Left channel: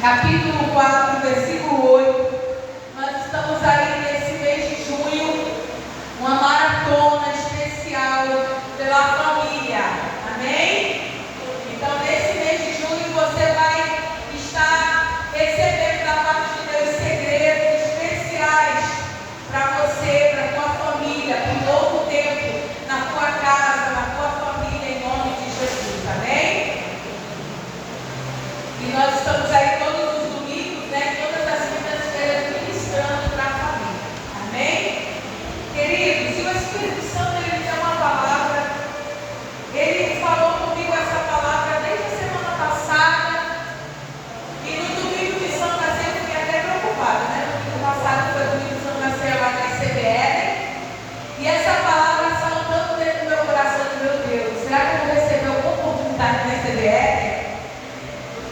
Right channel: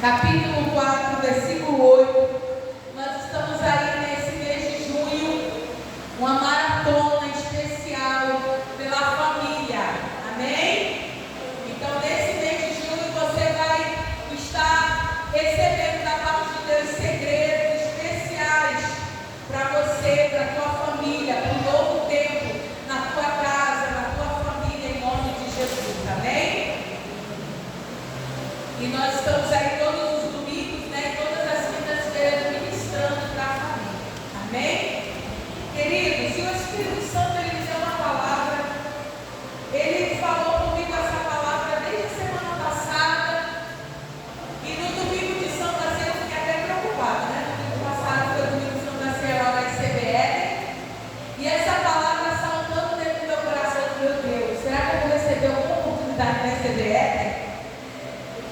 capítulo 4, versículo 8. Nós estamos aí nesse mês de junho, uma maratona especial pela família. Amém? Então, nesse mês de junho, você vai estar recebendo da parte de Deus segredos especiais para você, para a tua família, para um novo tempo na tua casa, na tua família, em nome de Jesus. Amém? E nós estamos aí todos os domingos, né? Todas as quintas-feiras ministrando para a família. Amém? Queridos, e o Espírito Santo, ele me deu uma palavra. Ele falou comigo essa palavra desde a semana passada. E no domingo de Santa Ceia eu fiquei até preocupada, né? No domingo passado foi o domingo de Santa Ceia lá na ICBR. E essa palavra saltando dentro do meu coração, meu Deus, será que eu vou receber alguma oportunidade na ICBR?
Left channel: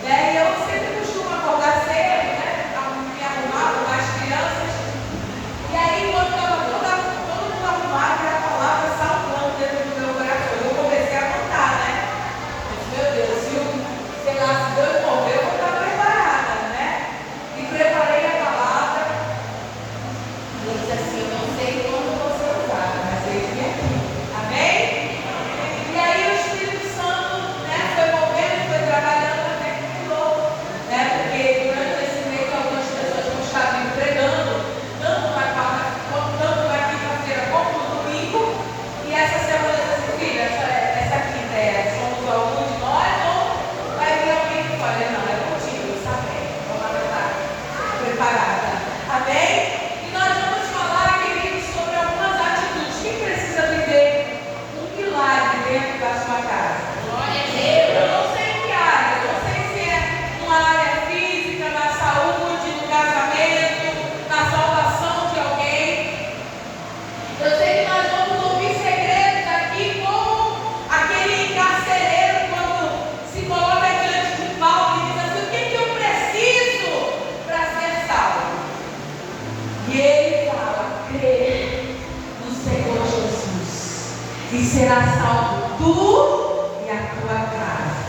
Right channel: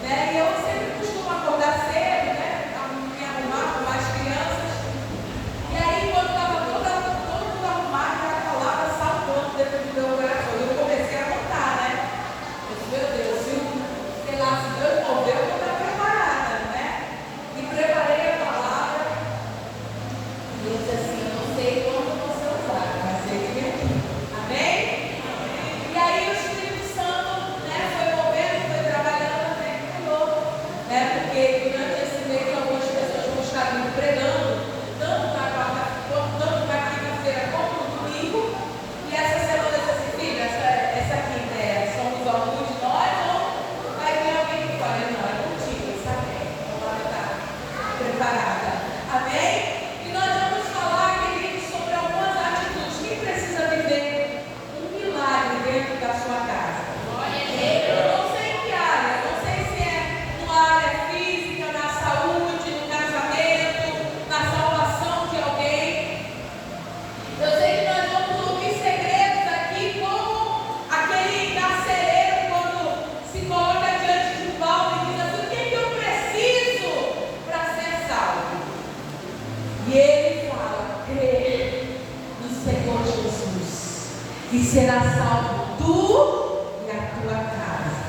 E eu sempre costumo acordar cedo, né? Me arrumar com as crianças. E aí, quando estava todo mundo arrumado, a palavra saltando dentro do meu coração. Eu comecei a contar, né? Eu disse, meu Deus, sei lá, se Deus mover, eu vou estar preparada, né? E preparei a palavra. E eu disse assim, eu não sei quando você usar, mas ele vem aqui. Amém? E aí o Espírito Santo, né, foi movendo, foi trabalhando. Porque durante esse mês algumas pessoas vão estar me pregando, tanto na quinta-feira como no domingo. E essa semana eu disse assim, filha, essa quinta somos alguns de nós, ou vai vir alguém que fala, não, é contigo, eu sabia, vamos estar preparada. Amém? E nós vamos falar, queridos, sobre algumas atitudes. Quem precisa viver um milagre dentro da sua casa? Eu não sei em que área, não sei se é numa área física, na saúde, no casamento, na salvação de alguém. Eu sei que nós vamos ouvir segredos aqui, como aquele carcereiro, quando se coloca diante de Paulo e diz assim, o que eu preciso para ser salvo? E ele fala, crê no Senhor Jesus, e será salvo tu e a tua casa.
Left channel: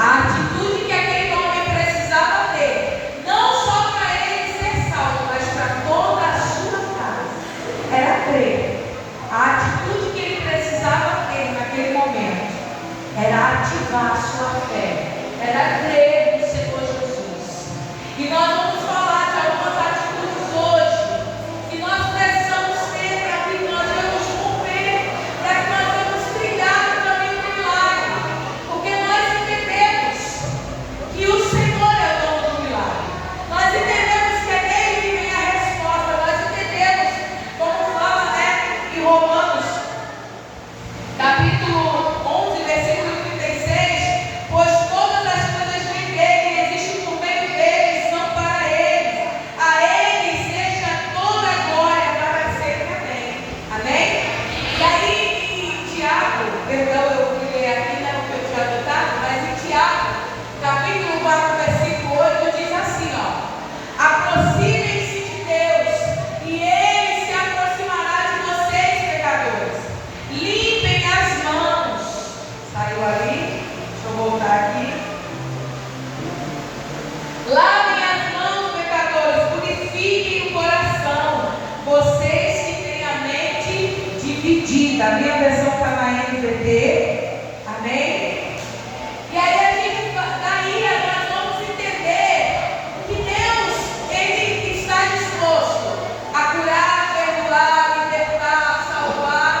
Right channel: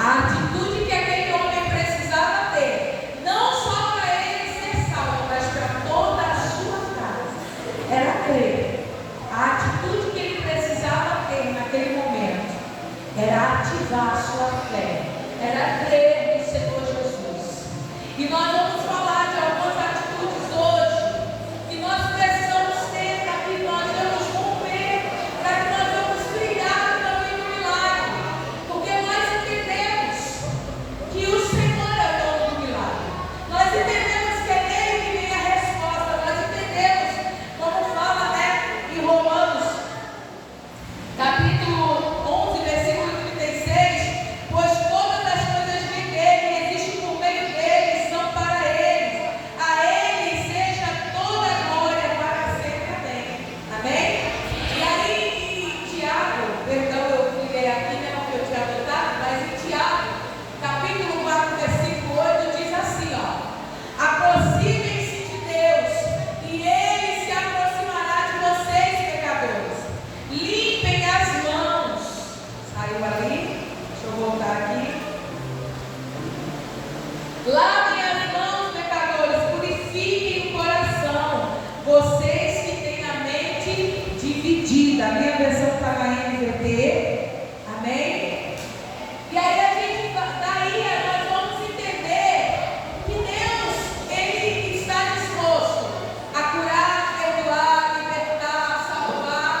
A atitude que aquele homem precisava ter, não só para ele ser salvo, mas para toda a sua casa, era crer. A atitude que ele precisava ter naquele momento era ativar a sua fé, era crer no Senhor Jesus. E nós vamos falar de algumas atitudes hoje que nós precisamos ter para que nós vamos romper, para que nós vamos brilhar no caminho do milagre. Porque nós entendemos que o Senhor é o dono do milagre. Nós entendemos que é dele que vem a resposta. Nós entendemos, como fala, né, em Romanos, capítulo 11, versículo 36, pois todas as coisas vêm dele, existem por meio dele, são para ele. A ele seja toda a glória para sempre. Amém. Amém? E aí em Tiago, perdão, eu fui ler aqui, né, porque eu tinha anotado, mas em Tiago, capítulo 4, versículo 8, diz assim, ó: aproximem-se de Deus, e ele se aproximará de vocês, pecadores. Limpem as mãos. Saiu ali? Deixa eu voltar aqui. Lavem as mãos, pecadores, purifiquem o coração, vocês que têm a mente dividida. A minha versão está na NVT. Amém? E aí daí nós vamos entender que Deus, ele está disposto a curar, perdoar, libertar, salvar.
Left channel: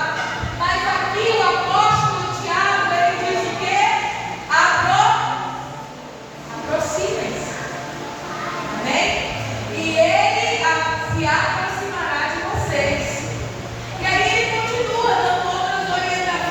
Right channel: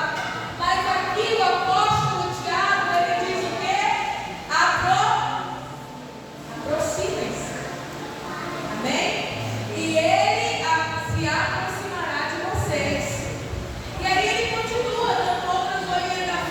Mas aqui o apóstolo Tiago, ele diz o quê? Aproximem-se. Amém? E ele se aproximará de vocês. E aí ele continua dando outras orientações.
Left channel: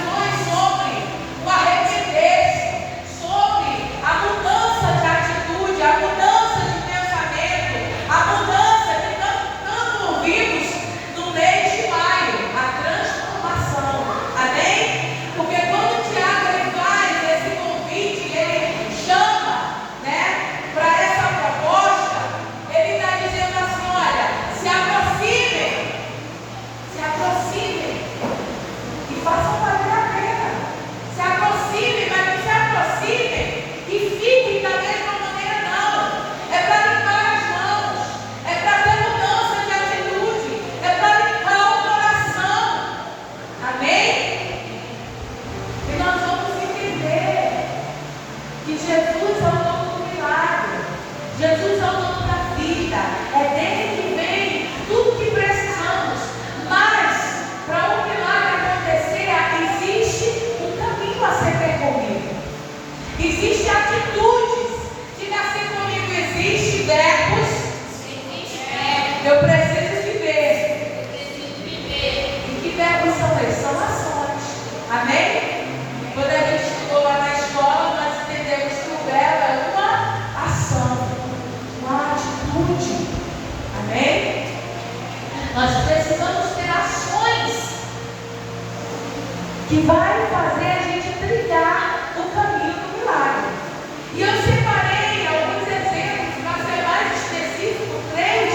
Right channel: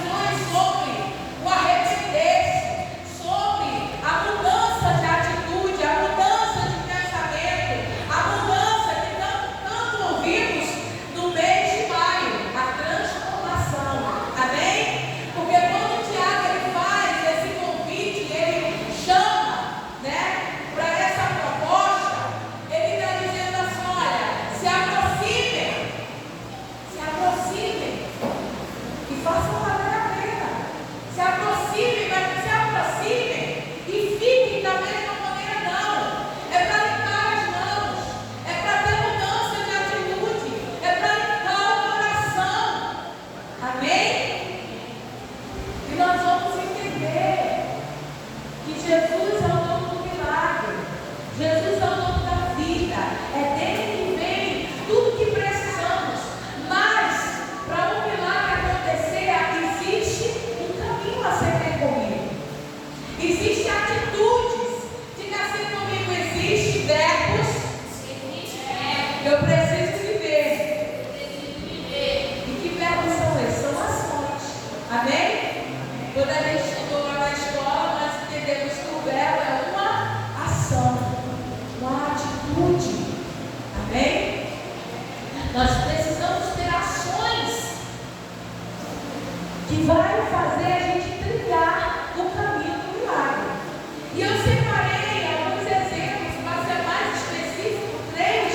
E eu separei alguns exemplos, para ser mais específico, 3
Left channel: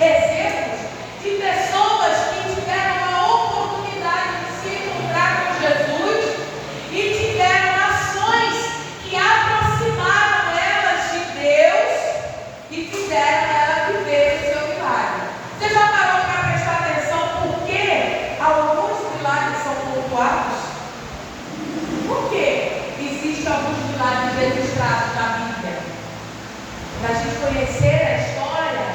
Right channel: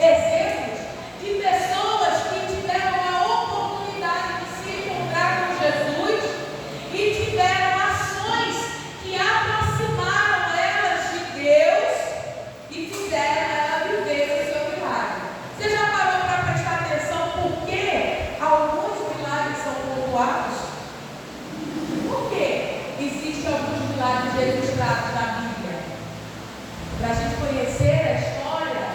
exemplos de pessoas que tiveram a oportunidade de se encontrar com Jesus e tiveram ações que aproximaram elas de Deus e fizeram ela viver o seu milagre. Você já parou para prestar atenção por que alguns milagres são pontuados? Por que existem alguns milagres registrados na Bíblia? Para a gente conhecer a história,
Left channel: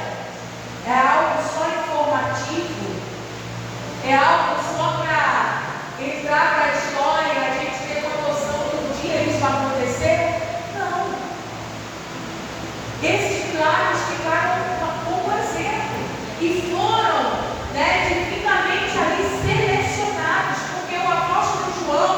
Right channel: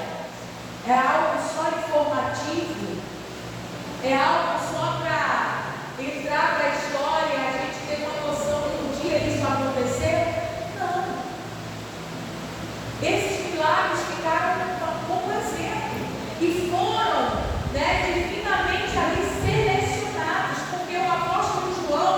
é algo só informativo, é algo só para entrar para a história e a gente ter uma noção que um dia isso vai acontecer? Não. Esses milagres ficaram como exemplo e foram, divinamente ali selecionados, porque o apóstolo João,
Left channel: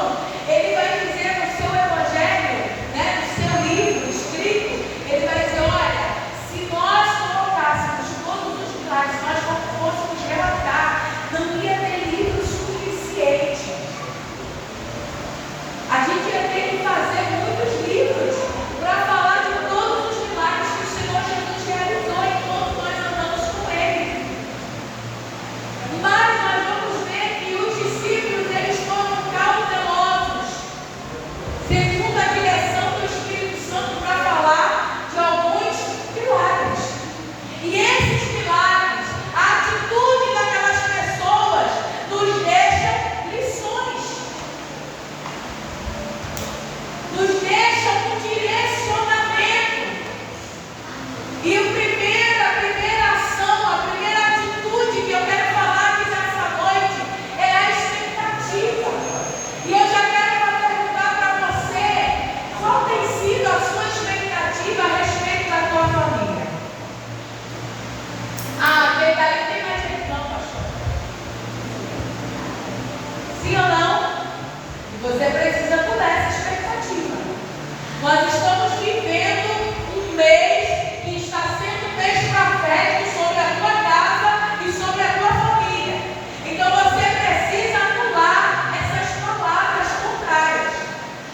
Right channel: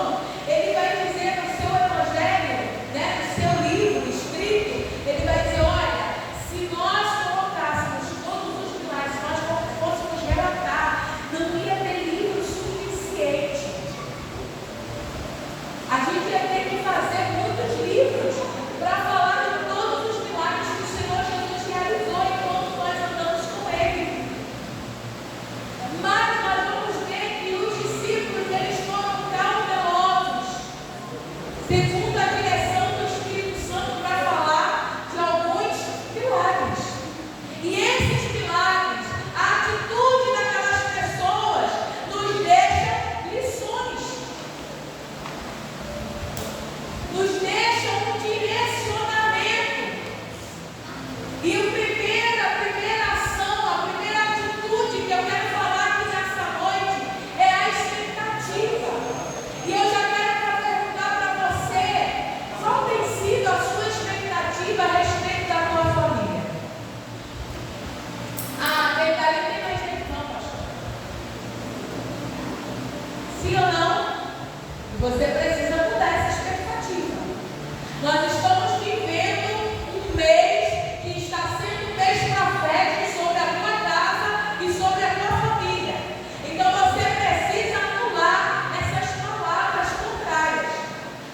ele vai dizer no seu evangelho, no seu livro escrito, ele vai dizer, olha, se nós colocássemos todos os milagres, se nós fôssemos relatar, não ia ter livro suficiente. A gente ia ter que fazer muitos livros para falar de todos os milagres que o Senhor Jesus realizou enquanto nós andamos com Ele. Mas nós vamos ver que os discípulos, eles foram cautelosos, segundo a direção do Espírito Santo, para falar de alguns milagres. E esses milagres, a atitude daquelas pessoas nos deixa lições, nos deixa um direcionamento. E a primeira ação, a primeira atitude que eu quero falar aqui nessa noite é a expectativa. E eu já quero perguntar para você, qual tem sido a sua expectativa a respeito da tua família? Verdade, não tem mais jeito não, pastor. Sim ou não? E você precisa mudar essa expectativa. Nós estamos vivendo um mês que está sendo um mês profético sobre a tua casa e sobre a tua família. Então você precisa anular essas palavras contrárias.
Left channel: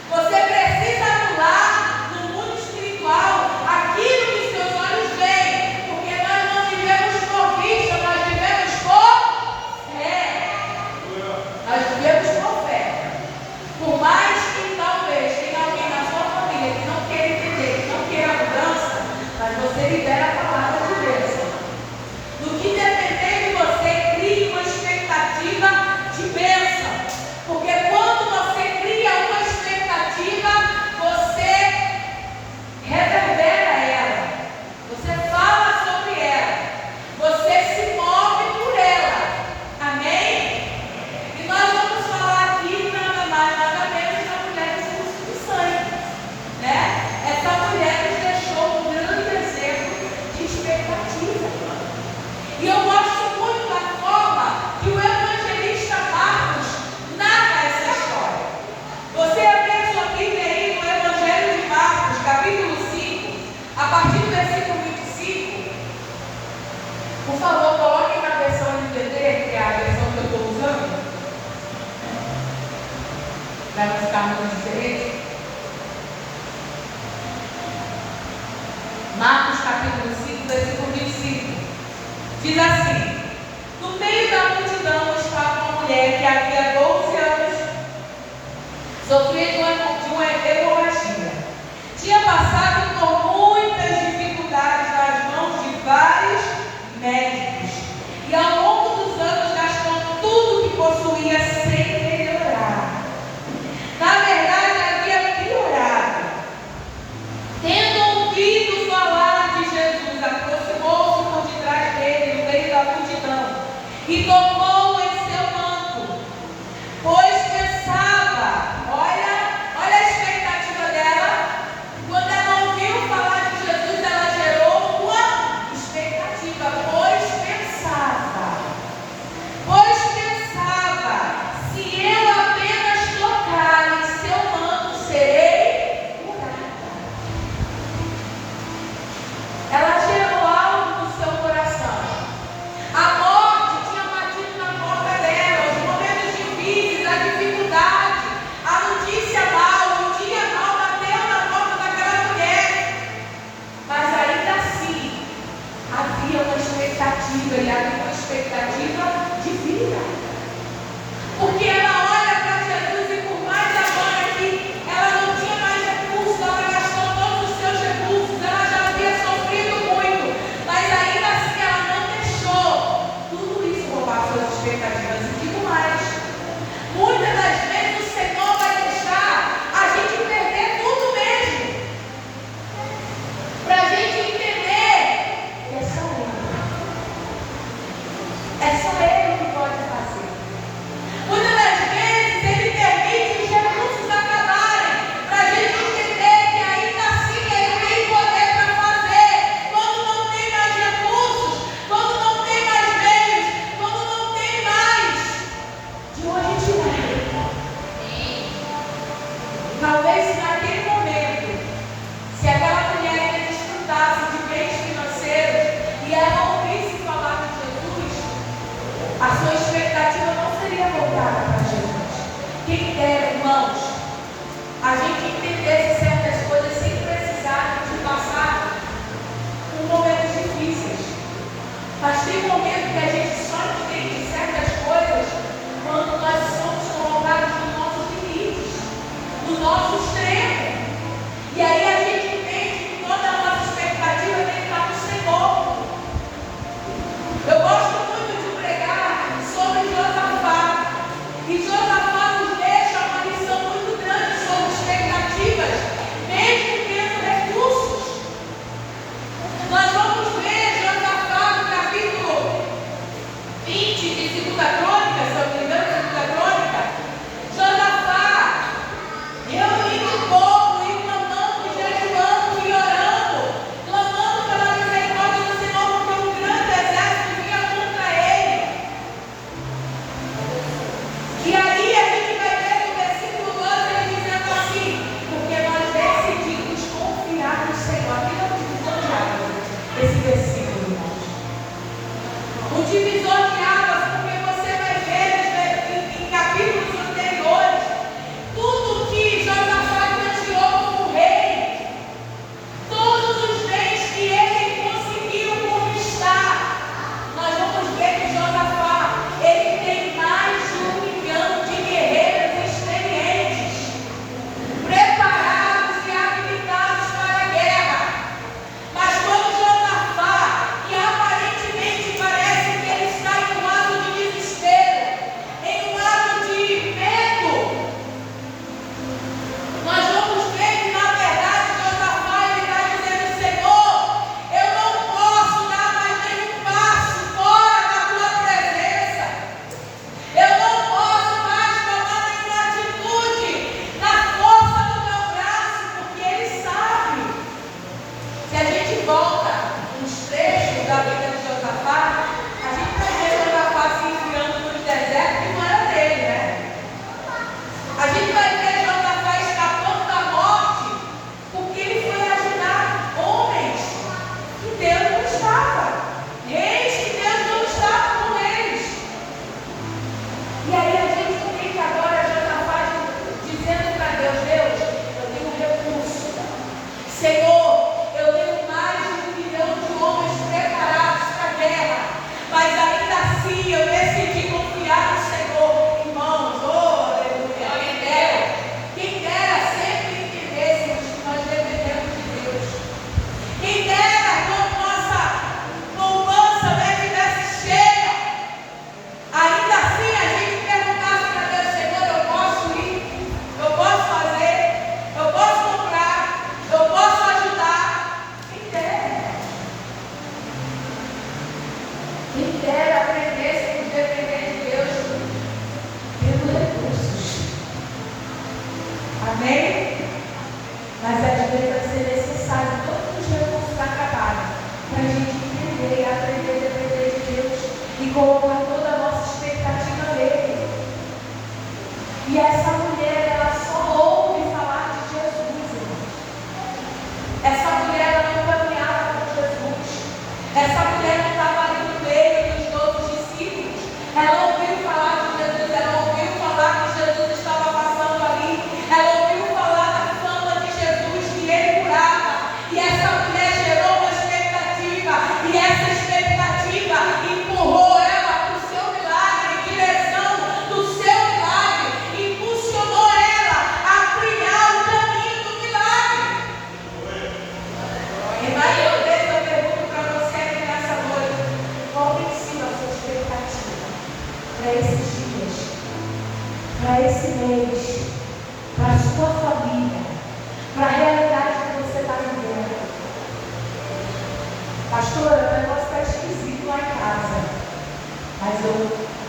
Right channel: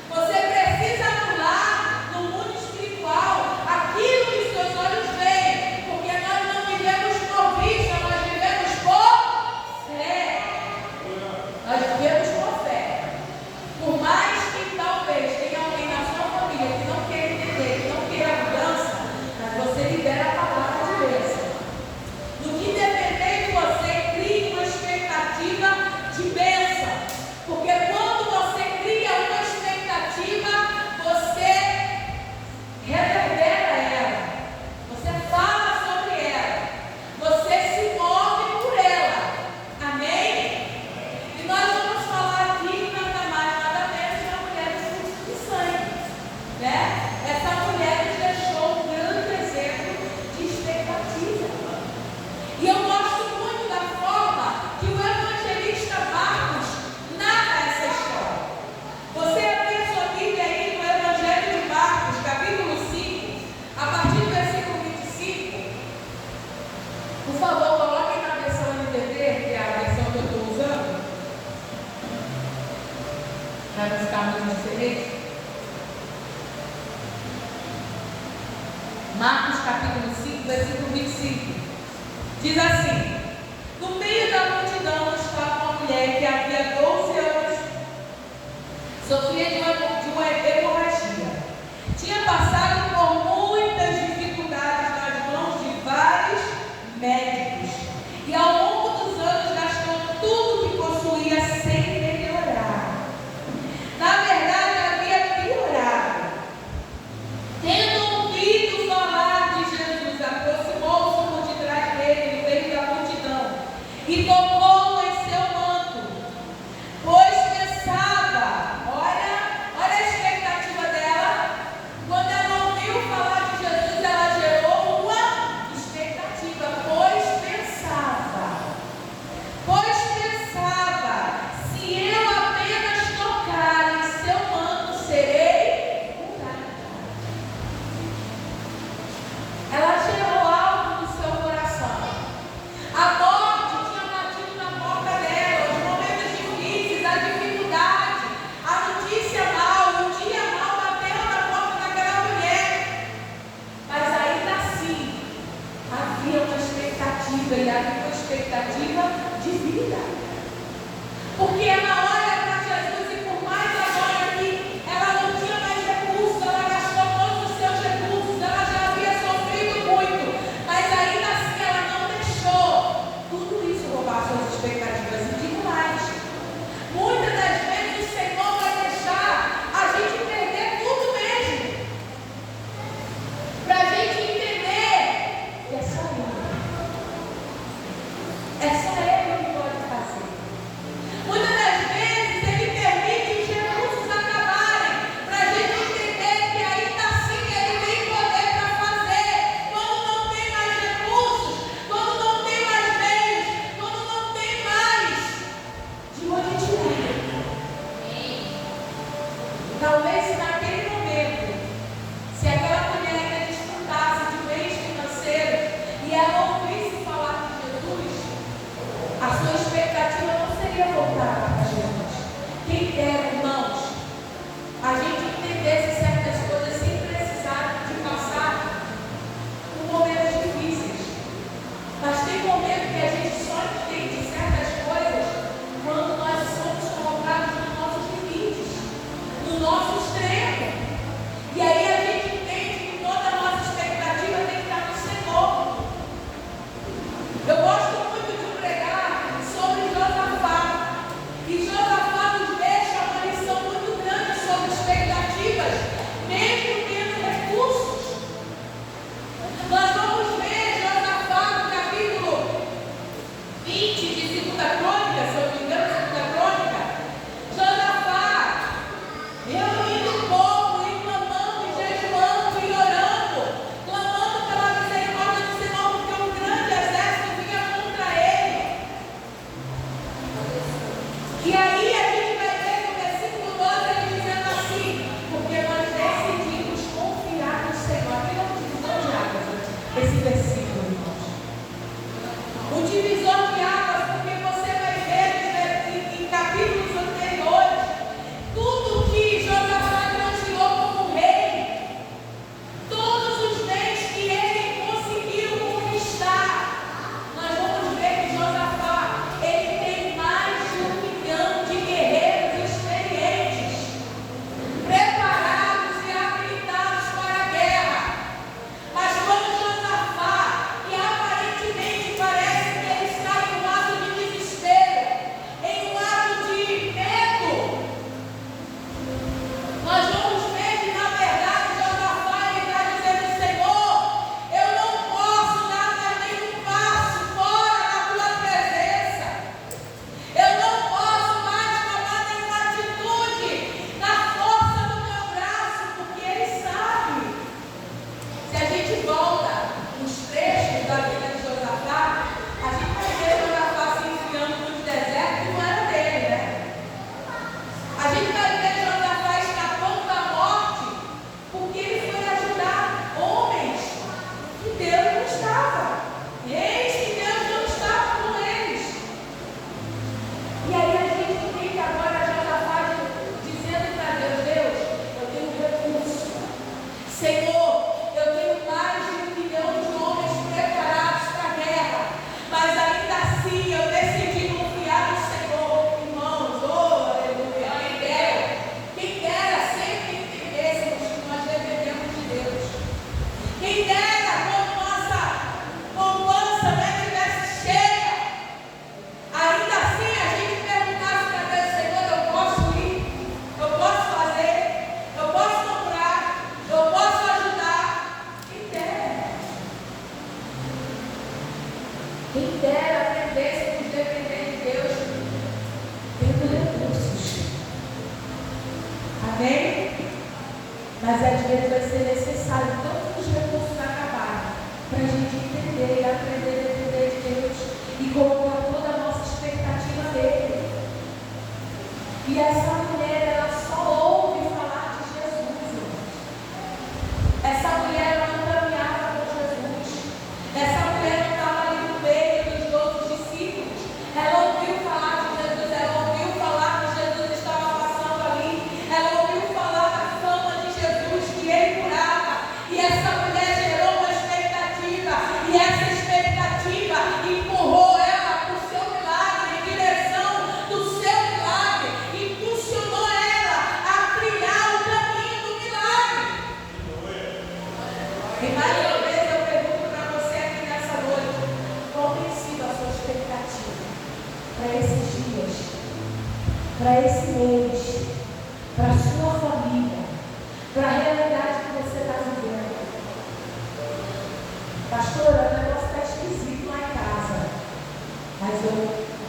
Você precisa anular no mundo espiritual aquilo que seus olhos veem, porque nós não vivemos por vista, nós vivemos por fé. Nós vivemos por fé. Por mais que talvez tenha alguém na sua família que não queira entender, que não queira mudança, mas você libera a palavra de bênção. No que depender de você, crie uma expectativa de bênção. Porque quando você cria uma expectativa, você reverbera ela. Você fala sobre ela. Você se move por ela. Amém? E nós vamos falar aqui nada mais, nada menos da mulher do fluxo de sangue. Essa mulher nos deixou um grande exemplo de expectativa. E eu gosto muito da forma que o evangelista Marcos narra essa história. Você abre sua Bíblia aí no Evangelho de Marcos, capítulo 5, a partir do versículo 25. Por favor, coloquem na versão NVT, que é a versão que eu estou usando, para não ficar muito diferente. Marcos capítulo 5, versículo 25. Diz assim: no meio da multidão estava uma mulher que havia 12 anos sofria de uma hemorragia. Tinha passado por muitas dificuldades nas mãos de vários médicos e ao longo dos anos gastou tudo que possuía sem melhorar. Na verdade, havia piorado. Tendo ouvido falar de Jesus, aproximou-se por detrás dele, no meio da multidão, e tocou em seu manto, pois pensava, olha a expectativa dela. Quando ela ouviu falar de Jesus, ela gerou uma expectativa, pois pensava, se eu apenas tocar em seu manto, serei curada. Ela gerou algo no seu coração. A morte tinha batido E mais uma vez eu pergunto para você aqui nessa noite, qual tem sido a sua expectativa para esses dias, para esse mês, para a sua família, para a realidade que você está vivendo? Pastora, o negócio está esquisito lá em casa, mas eu,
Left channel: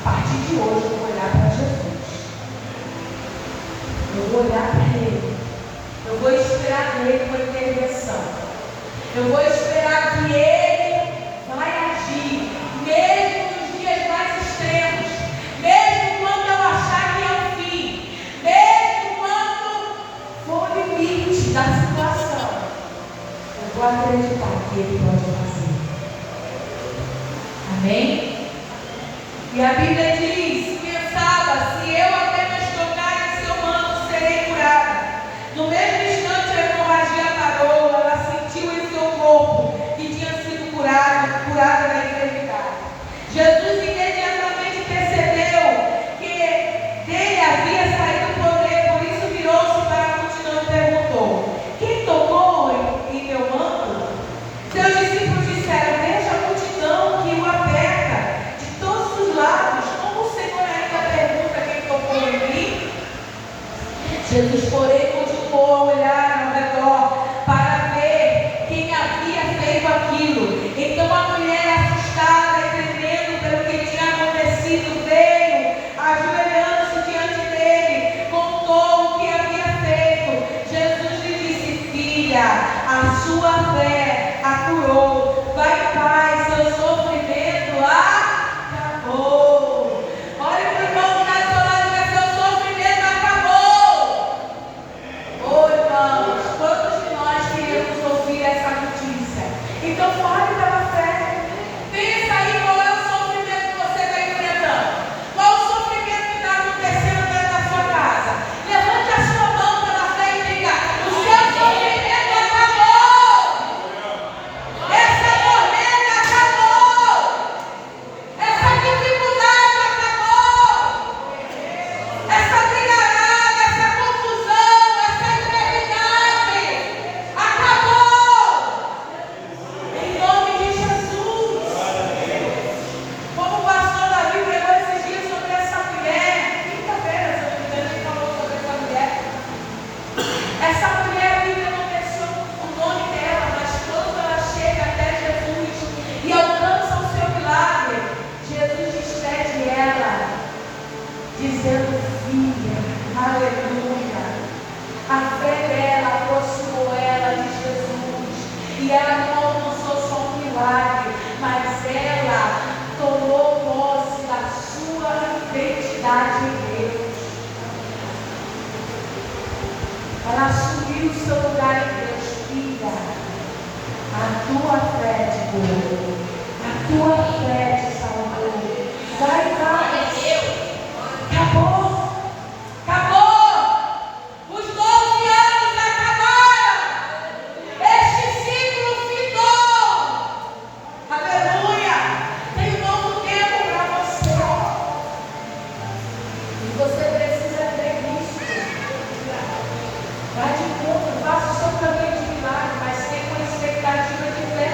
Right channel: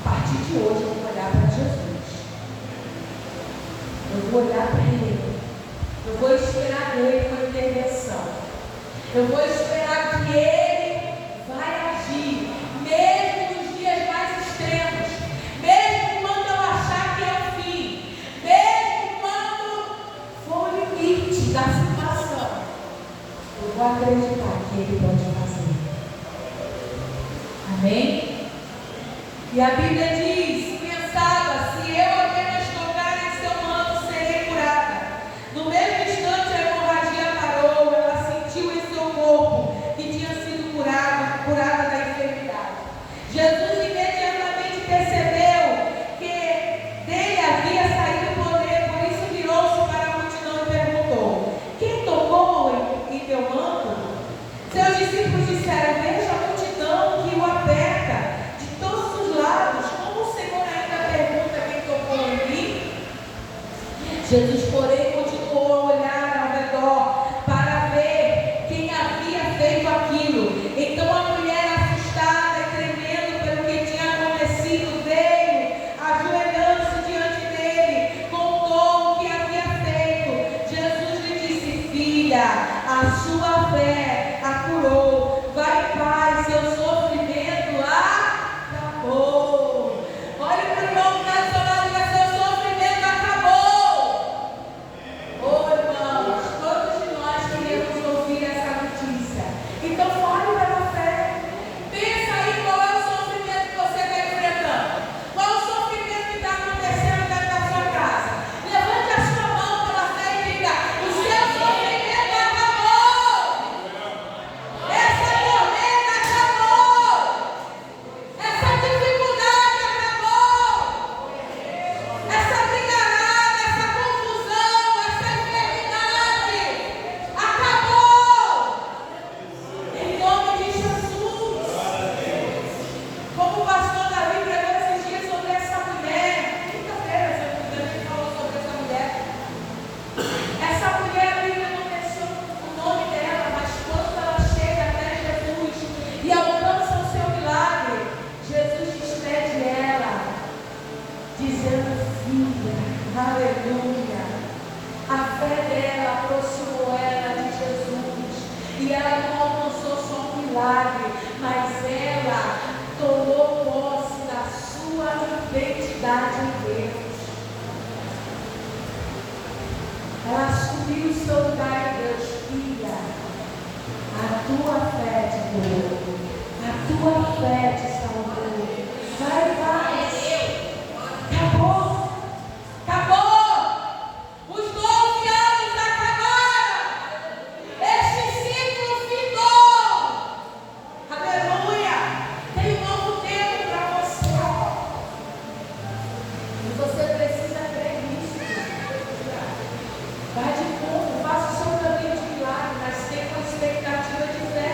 a partir de hoje, eu vou olhar para Jesus. Eu vou olhar para Ele. Eu vou esperar dele com intervenção. Eu vou esperar que Ele vai agir, mesmo nos dias mais extremos, mesmo quando eu achar que é o fim, mesmo quando for o limite da situação. Eu vou acreditar que Ele pode fazer. Amém? E a Bíblia diz, pensava, se eu apenas tocar em seu manto, serei curada. No mesmo instante a hemorragia parou, ela sentiu em seu corpo que tinha sido curada da enfermidade. Jesus imediatamente percebeu que dele havia saído o poder, por isso virou-se para a multidão e perguntou: quem tocou em meu manto? Seus discípulos disseram: veja a multidão que o aperta de todos os lados. Como o Senhor ainda pergunta quem tocou em mim? Jesus, porém, continuou a olhar ao redor para ver quem havia feito aquilo. Então a mulher, assustada e tremendo pelo que tinha acontecido, veio, ajoelhando-se diante dele, contou o que havia feito. Jesus lhe disse: filha, a sua fé a curou. Vai em paz, seu sofrimento acabou. Olhe para o irmão que está do seu lado, mas seu sofrimento acabou. Oh, irmãos, todos de nós queríamos ouvir essa notícia. Então fale pela fé. Pensa aí qual é o sofrimento que você está enfrentando. Qual o sofrimento que está acontecendo dentro da sua casa. Levante a sua mão pela fé e diga: o seu sofrimento acabou. Essa tormenta acabou. Essa dificuldade acabou. Essa brigarada, essa confusão, essa enfermidade acabou. Em nome de Jesus. Como o pastor Davi pregou esses dias sobre essa mulher, quinta-feira, se eu não me engano, ele falou sobre essa mulher. Essa mulher, a Bíblia não menciona o nome dela, mas quando ela chega até Jesus e alcança o seu milagre, Jesus despede ela, dizendo: filha, aleluia. A fé dela aproximou ela de Jesus, e ela não alcançou só um milagre, mas ela tomou posse da sua identidade em Deus. Ela assumiu o seu lugar em Deus. Filha, a tua fé te curou, a tua fé te salvou. Vai, vai. Acabou. Acabou. Os 12 anos acabaram. Este ciclo fitou. Aleluia. Tem um novo tempo para você. E você precisa crer nisso. Vai de fundo, faça o seu caminho de milagre, mas tenha uma expectativa de fé.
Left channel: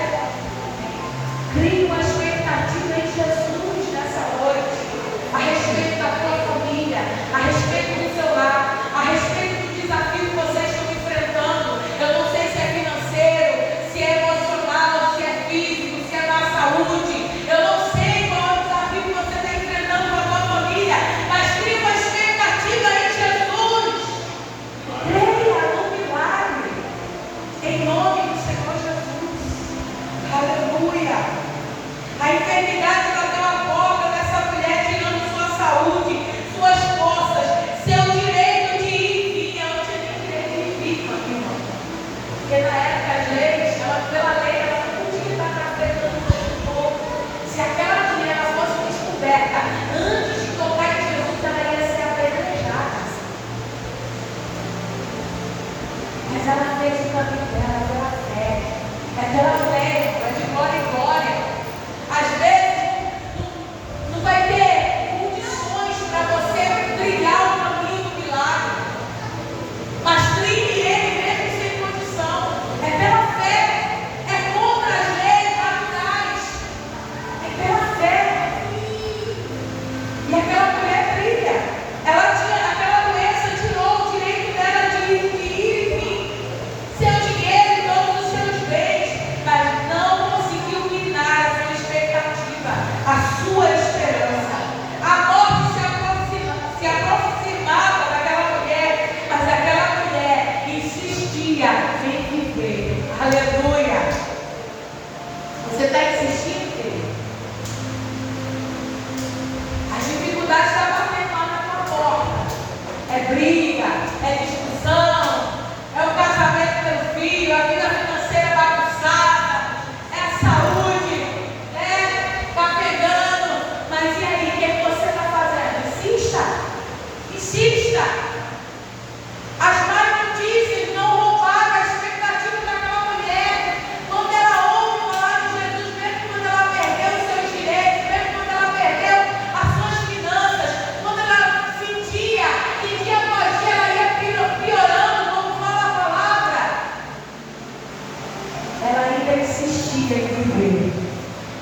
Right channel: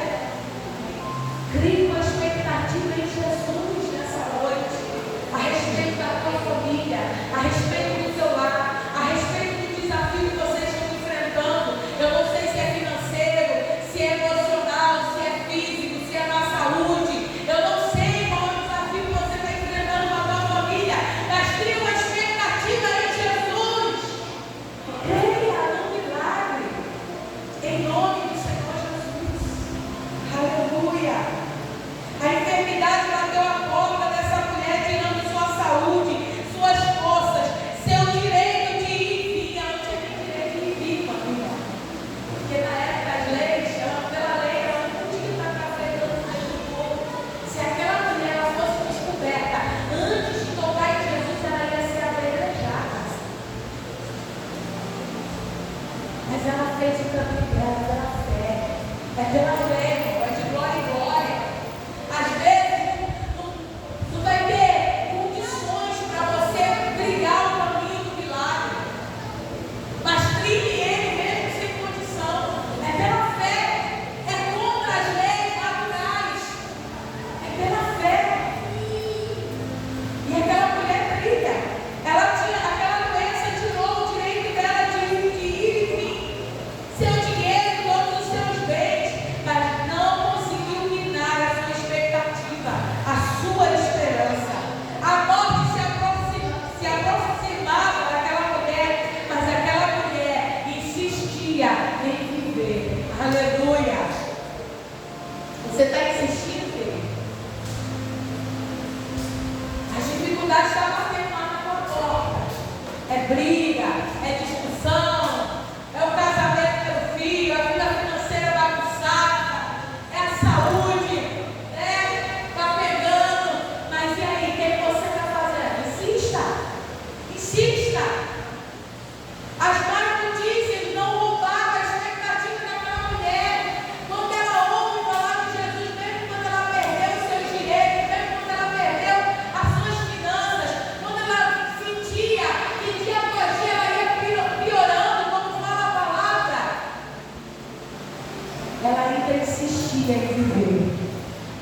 insistia em viver.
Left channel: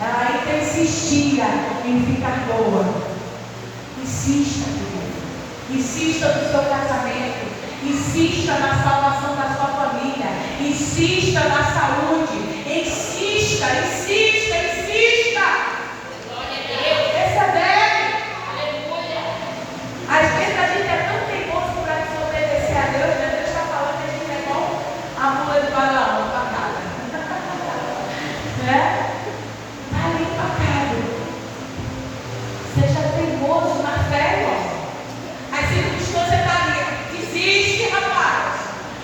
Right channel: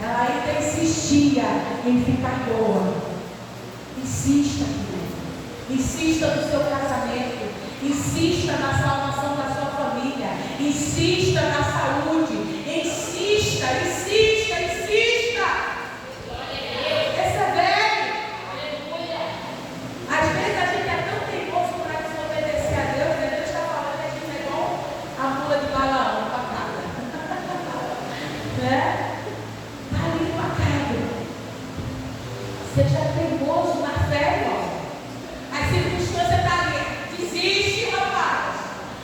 Ela ainda insistia em ficar boa. Insista, querido. Insista no seu casamento. Insista na salvação da sua família. Insista na saúde. Insista, insista, insista. Persevere. Às vezes a gente é tão teimoso para desobedecer a Deus, né? Deus está falando que a gente é igual a mula de Balaão empacada. Né? Está ali empacado. Seja teimoso na fé, irmão. As circunstâncias estão ali. Desiste, rapaz.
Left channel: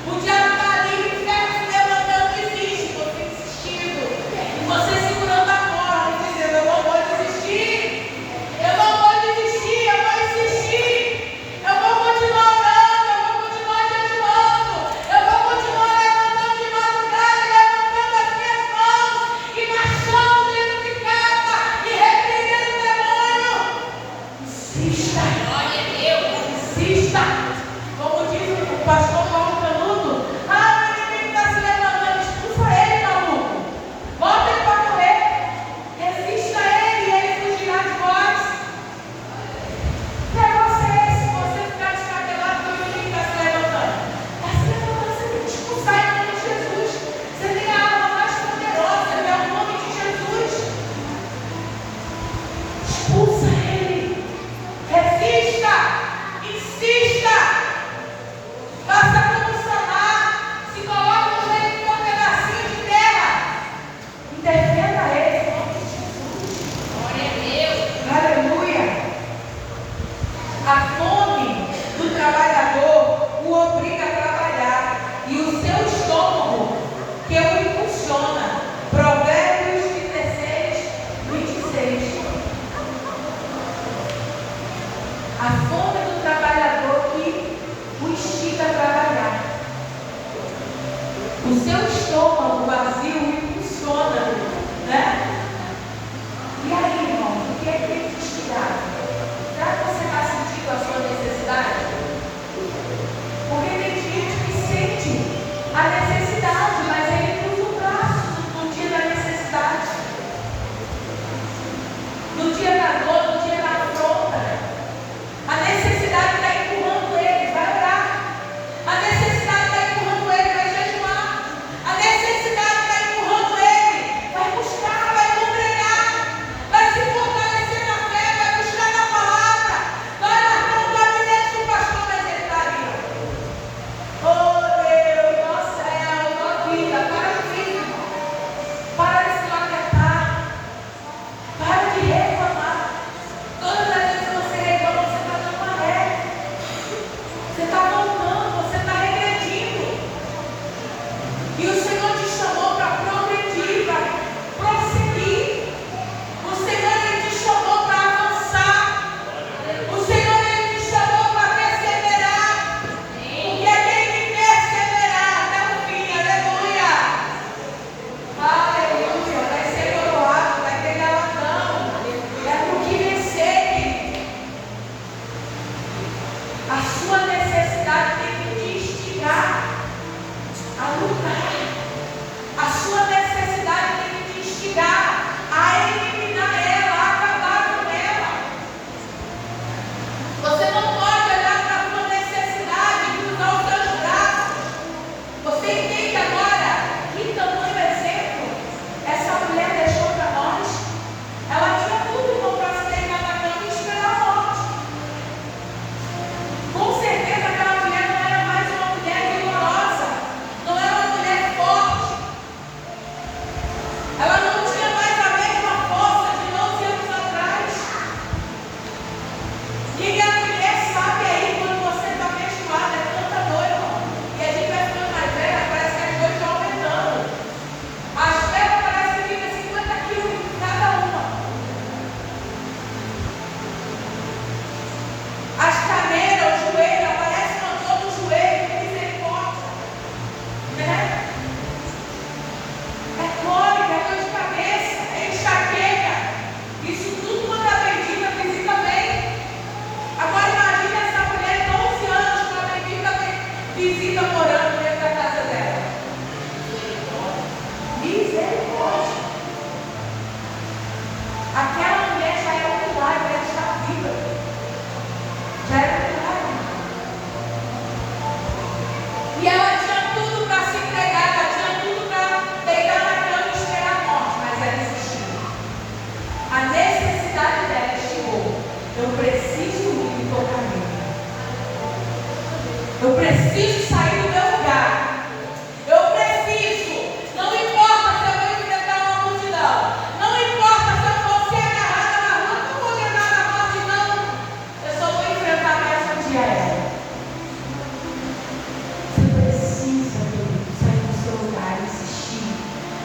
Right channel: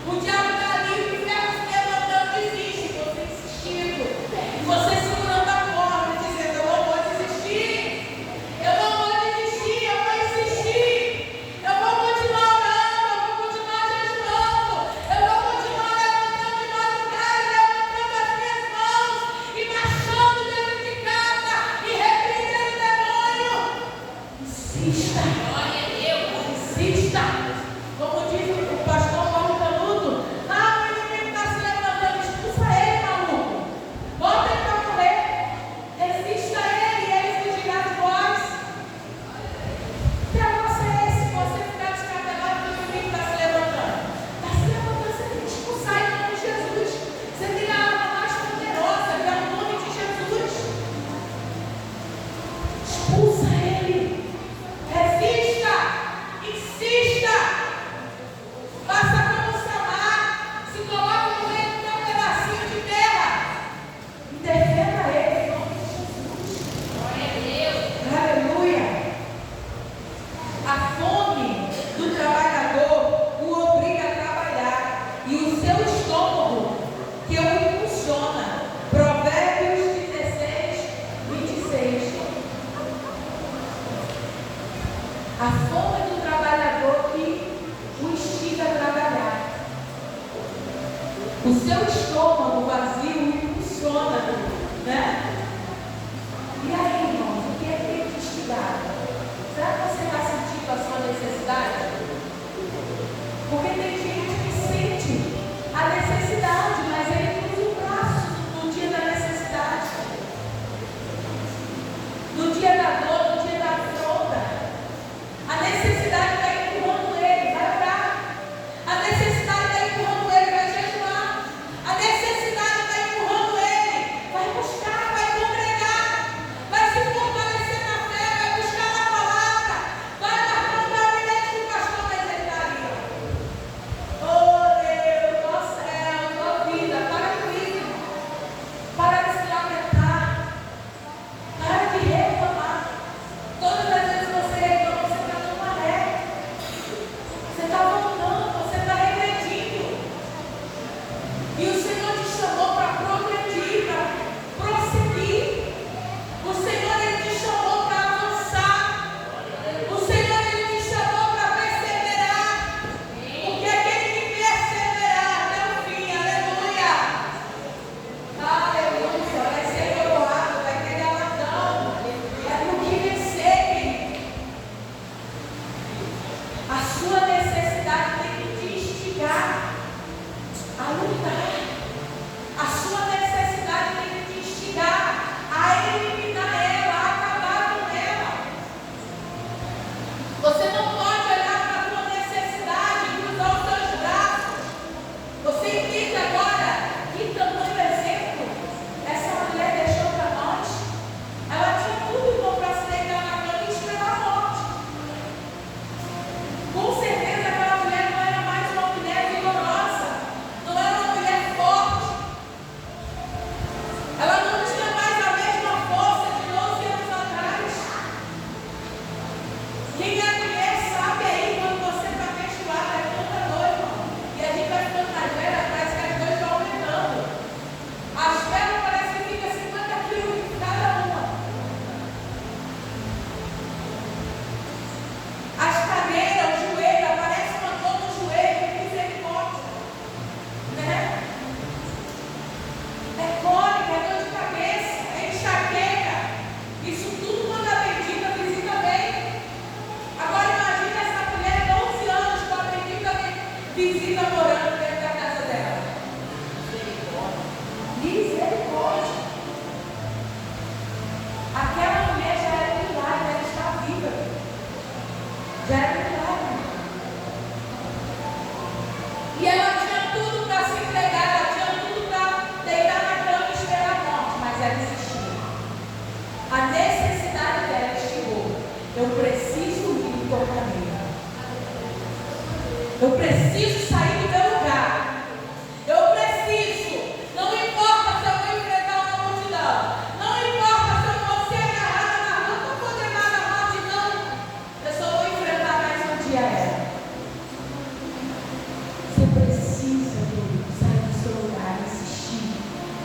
O diabo está ali, o inferno se levantando, desiste. Você insiste.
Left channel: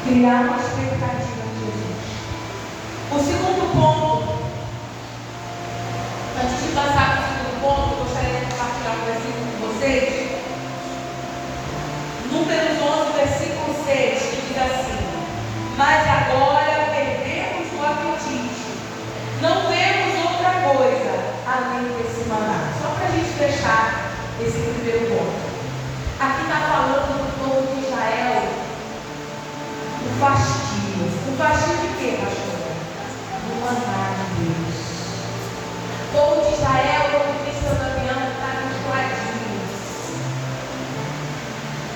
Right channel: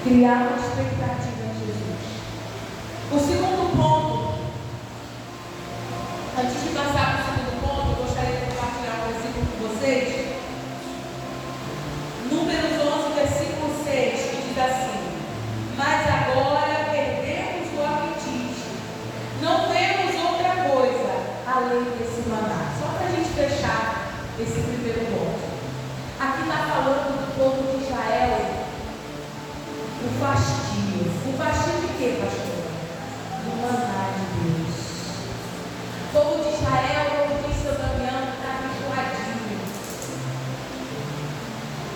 Criar uma expectativa em Jesus. O segundo ponto, antes de passar para o segundo ponto, eu gostaria de compartilhar um versículo com vocês. Números 11, versículo 6, que diz assim: mas agora perdemos o apetite, não temos outra coisa além desse maná. Só para a gente fechar esse primeiro ponto. Aqui está falando do povo de Israel, o fastio. O fastio de quê, pastora? Do maná de Deus. O povo de Israel, como disse o Damião, está enjoadinho.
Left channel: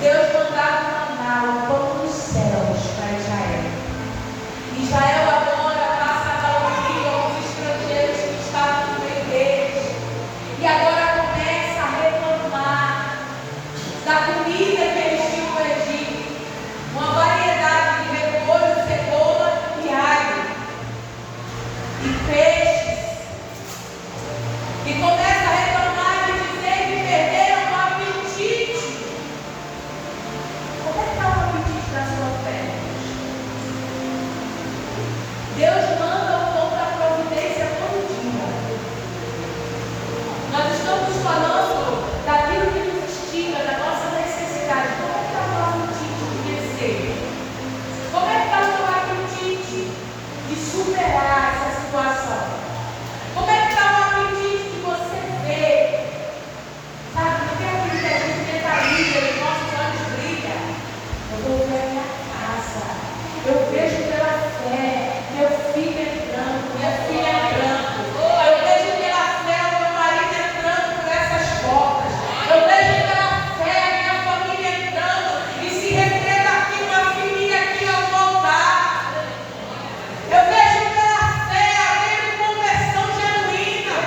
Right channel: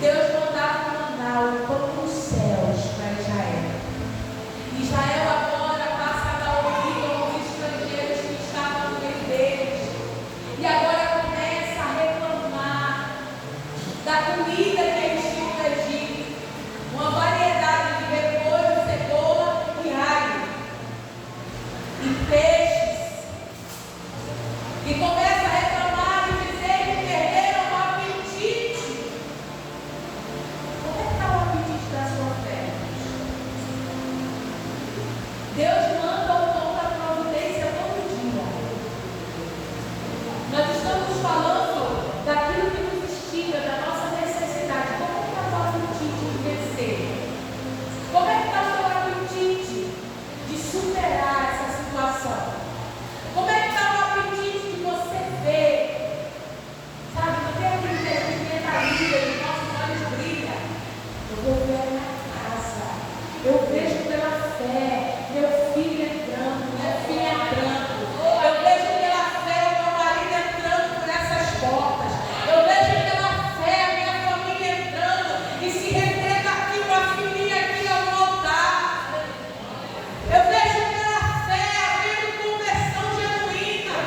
Deus mandava maná, o pão dos céus para Israel. Israel agora passa a ouvir aos estrangeiros que estavam no meio deles. E agora começa a reclamar da comida que eles tinham no Egito. Uma variedade de repolho, cebola e alho. E peixes. E começa a reclamar e dizer que perderam o apetite. Como é que está o apetite da sua fé? Deus manda o pão da providência todo dia. Nós estamos falando daquilo que nos instiga, da nossa necessidade. Como é que está o apetite de vencer? Como é que está o seu apetite de superar essa situação? Como é que está o apetite de você ver? Sabe, não tem aquilo que a gente mentaliza, os nossos olhos brilham. Eu vou ver a minha casa. Eu vejo pela fé. Meu filho entrando, minha filha entrando. Eu vejo pela fé o meu marido entrando por essas portas. Eu vejo pela fé a minha família entrando e se rendendo aqui, uma filhinha aqui ao altar. Eu vejo pela fé havendo conversão genuína.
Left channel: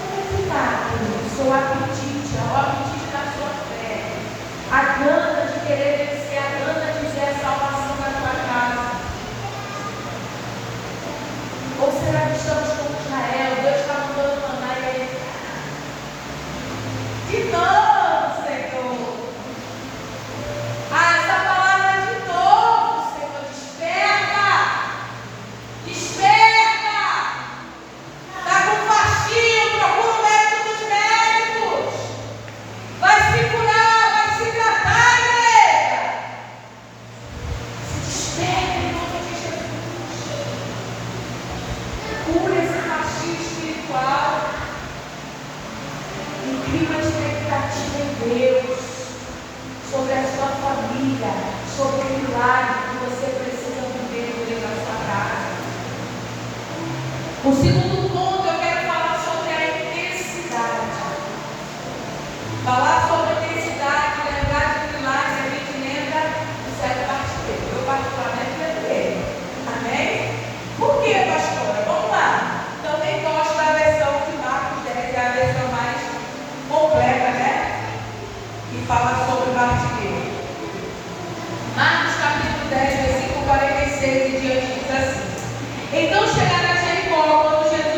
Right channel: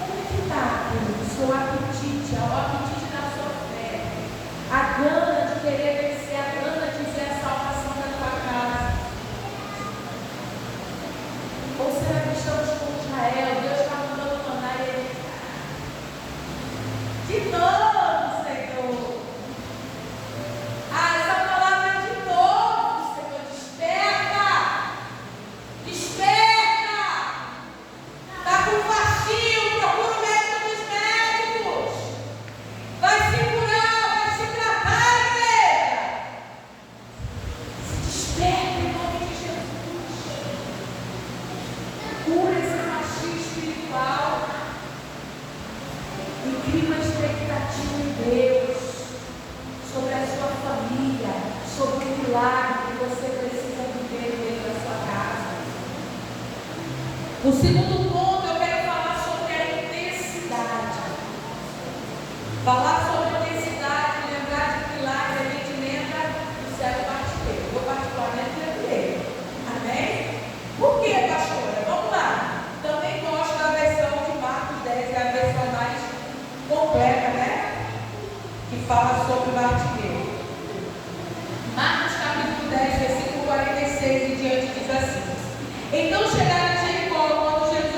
Como é que está o seu apetite, o apetite da sua fé? A gana de querer vencer, a gana de ver a salvação da tua casa. Ou será que estamos com Israel? Deus está mandando mandar e ele. De novo, Senhor. Ah, essa palavra é de novo, Senhor. Desperta. Desperta. Está com fascínio, procura o médico dos médicos. Vai se curar, vai se tratar, igreja. Se desperta em nome de Jesus. Cura esse fascínio espiritual. E cria uma expectativa em Deus sobre a sua família, sobre o milagre que você precisa viver dentro da sua casa. O segundo ponto, eu quero falar sobre a intensidade. Falar sobre a intensidade, lembrar de milagre, a gente lembra do cego partideiro. Eu particularmente lembrei. Amém? Por quê, pastora? Vamos lá. Também gosto da versão de Marcos 10, que é a versão mais completa, né? Que fala sobre Bartimeu. Marcos capítulo 10, versículo 46 e diante diz assim: então chegaram a Jericó, quando Jesus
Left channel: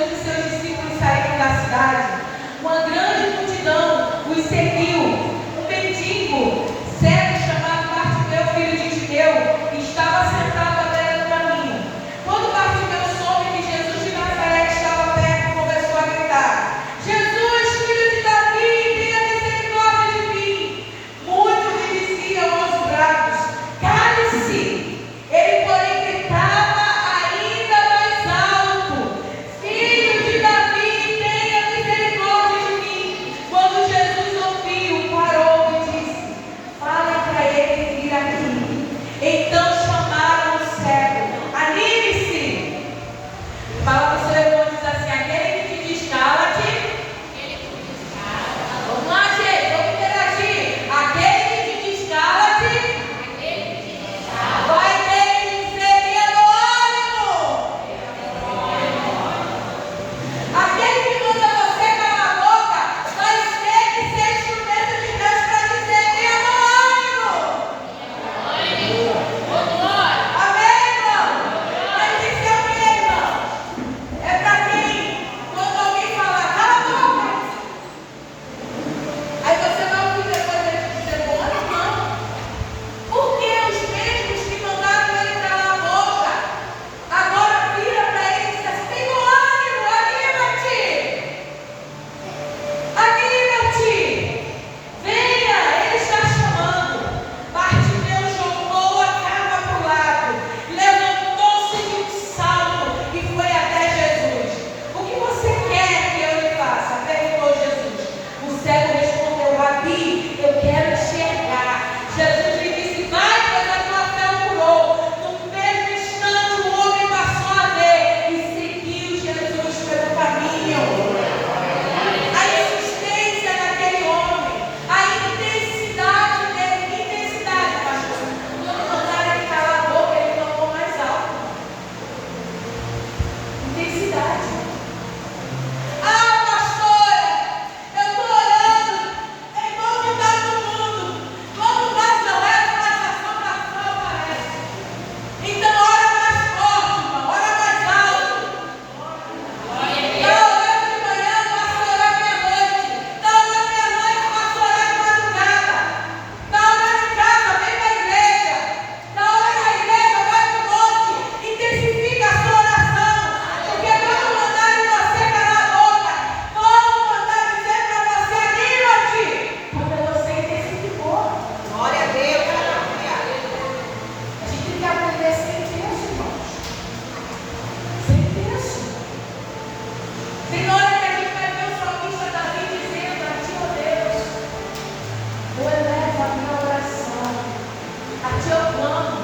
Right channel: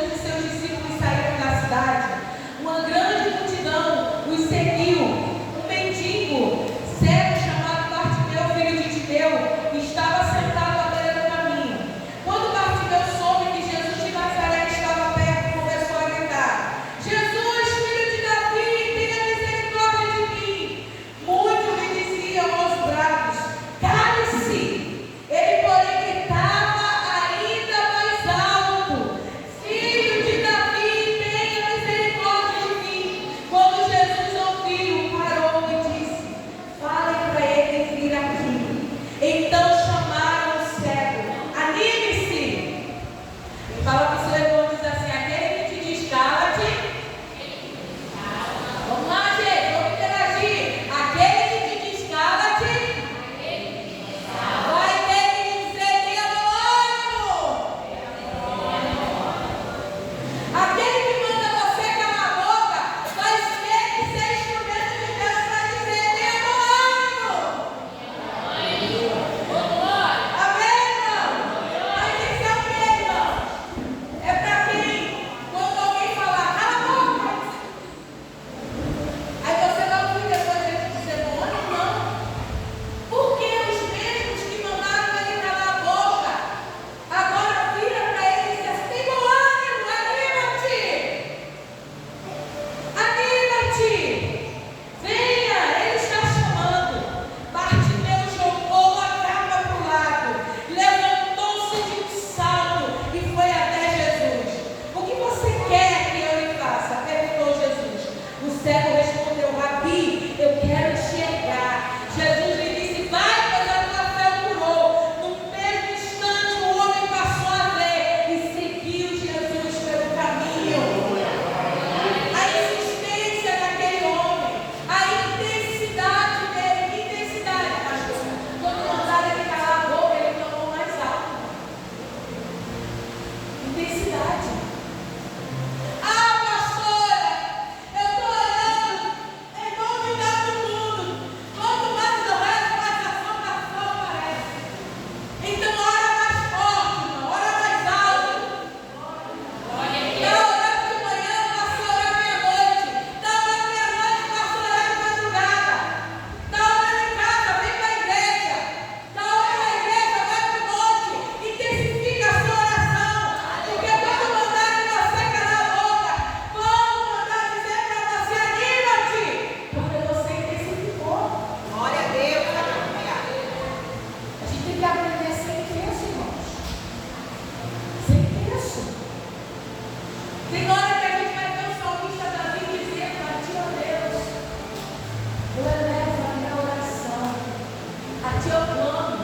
Aqui eu clamo.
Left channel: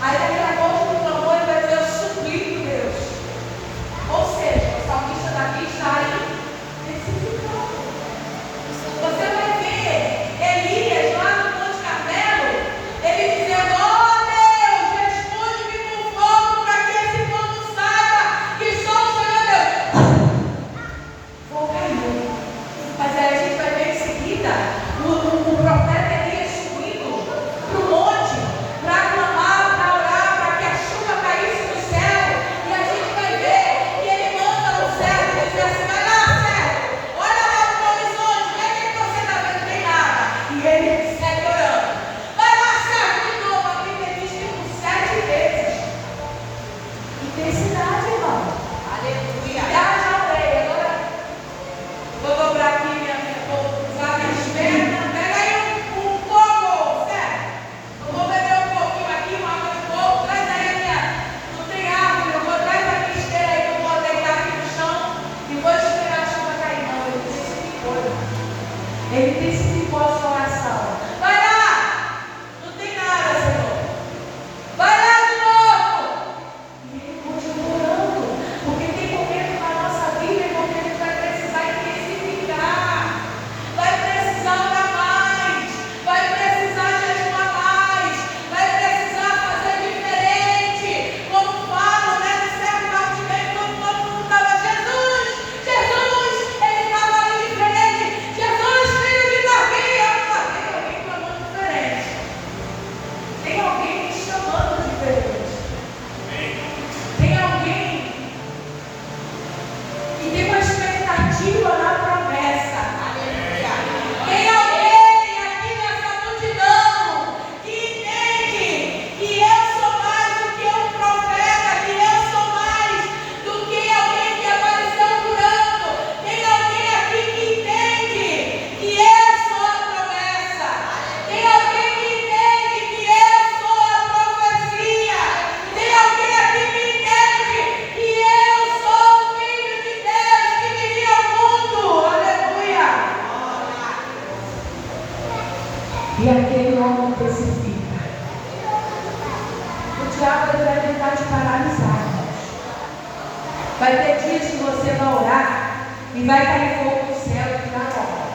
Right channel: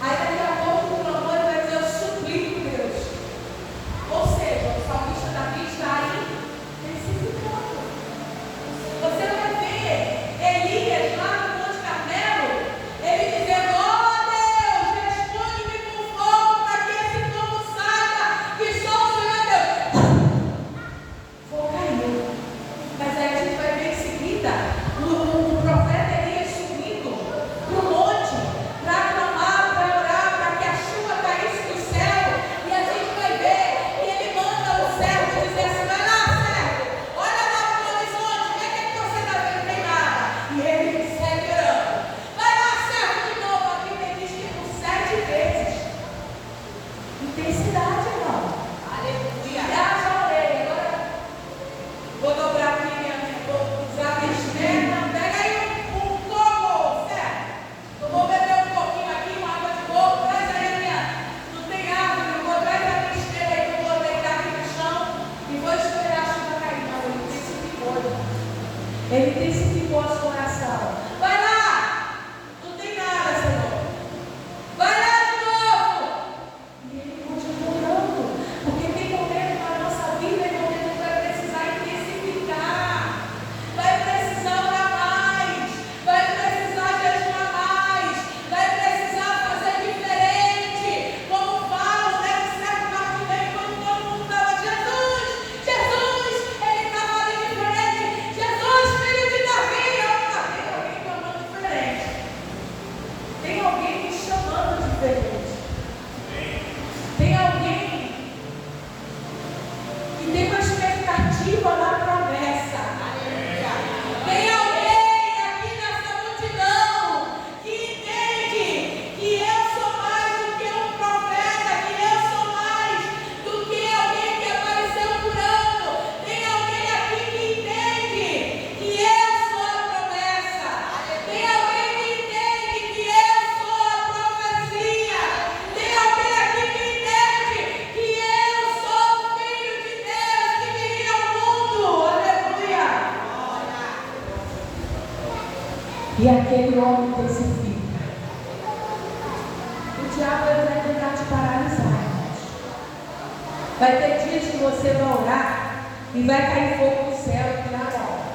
Aí daqui a pouco o clamor ele vai dizer, eu suplico, Deus. Ou seja, o salmista Davi está aí testificando. Você vai ver Elias lá no Monte Carmelo, ele dizendo, ó Deus, responde-me com fogo para que esse povo saiba que só o Senhor Deus. Fogo caiu. Mas aí a gente vai ver em seguida o profeta Elias subindo para o monte para clamar, para orar, para que a chuva caísse do céu. E a gente vai ver que ele manda o servo dizer assim, vai lá, servo, olha lá para o horizonte, vê o que você está vendo, não tem nada. E ele segue orando. Vai lá, servo, de novo. A Bíblia diz que por 7 vezes. Intensidade, irmão. Aleluia. Já orei, agora vou dobrar aqui, vou usar minhas pernas. Pega aí um coco, certo? Eu vou beber um pouquinho aqui, uma água de coco. Traz aí não tem árvore, eu vou traz a minha esteira aí, eu vou deitar aqui no chão e vou esperar a chuva cair. Não, ele intensificou, irmão. Ele intensificou a sua oração. Vai lá! Não tem nada, Senhor. Vai lá de novo! E ele continua orando, porque tem momento na nossa vida em que a gente vai precisar intensificar, vai precisar orar mais, vai precisar jejuar mais, vai precisar fazer diferente. Como falo, né, no século Martinelli, quando todo mundo estava, Jesus, ele estava ali diferente, Jesus, filho de Davi, tem alguém clamando diferente, tem alguém me chamando diferente. Tem alguém que tem uma expectativa na promessa. Aleluia. Tem alguém aqui nessa multidão que entende que eu sou mais do que um profeta, que eu sou mais do que alguém que apareceu curando. Tem alguém aqui que entende que eu sou a promessa. Tem alguém que entende que eu sou a profecia. Tem alguém aqui que entende que eu sou o Filho de Deus que viria ao mundo. Aleluia. E aquele homem testifica. O diabo ele vai tentar te paralisar, irmãos. Vai ter dias que você vai orar e vai cair fogo do céu e tirar a hora.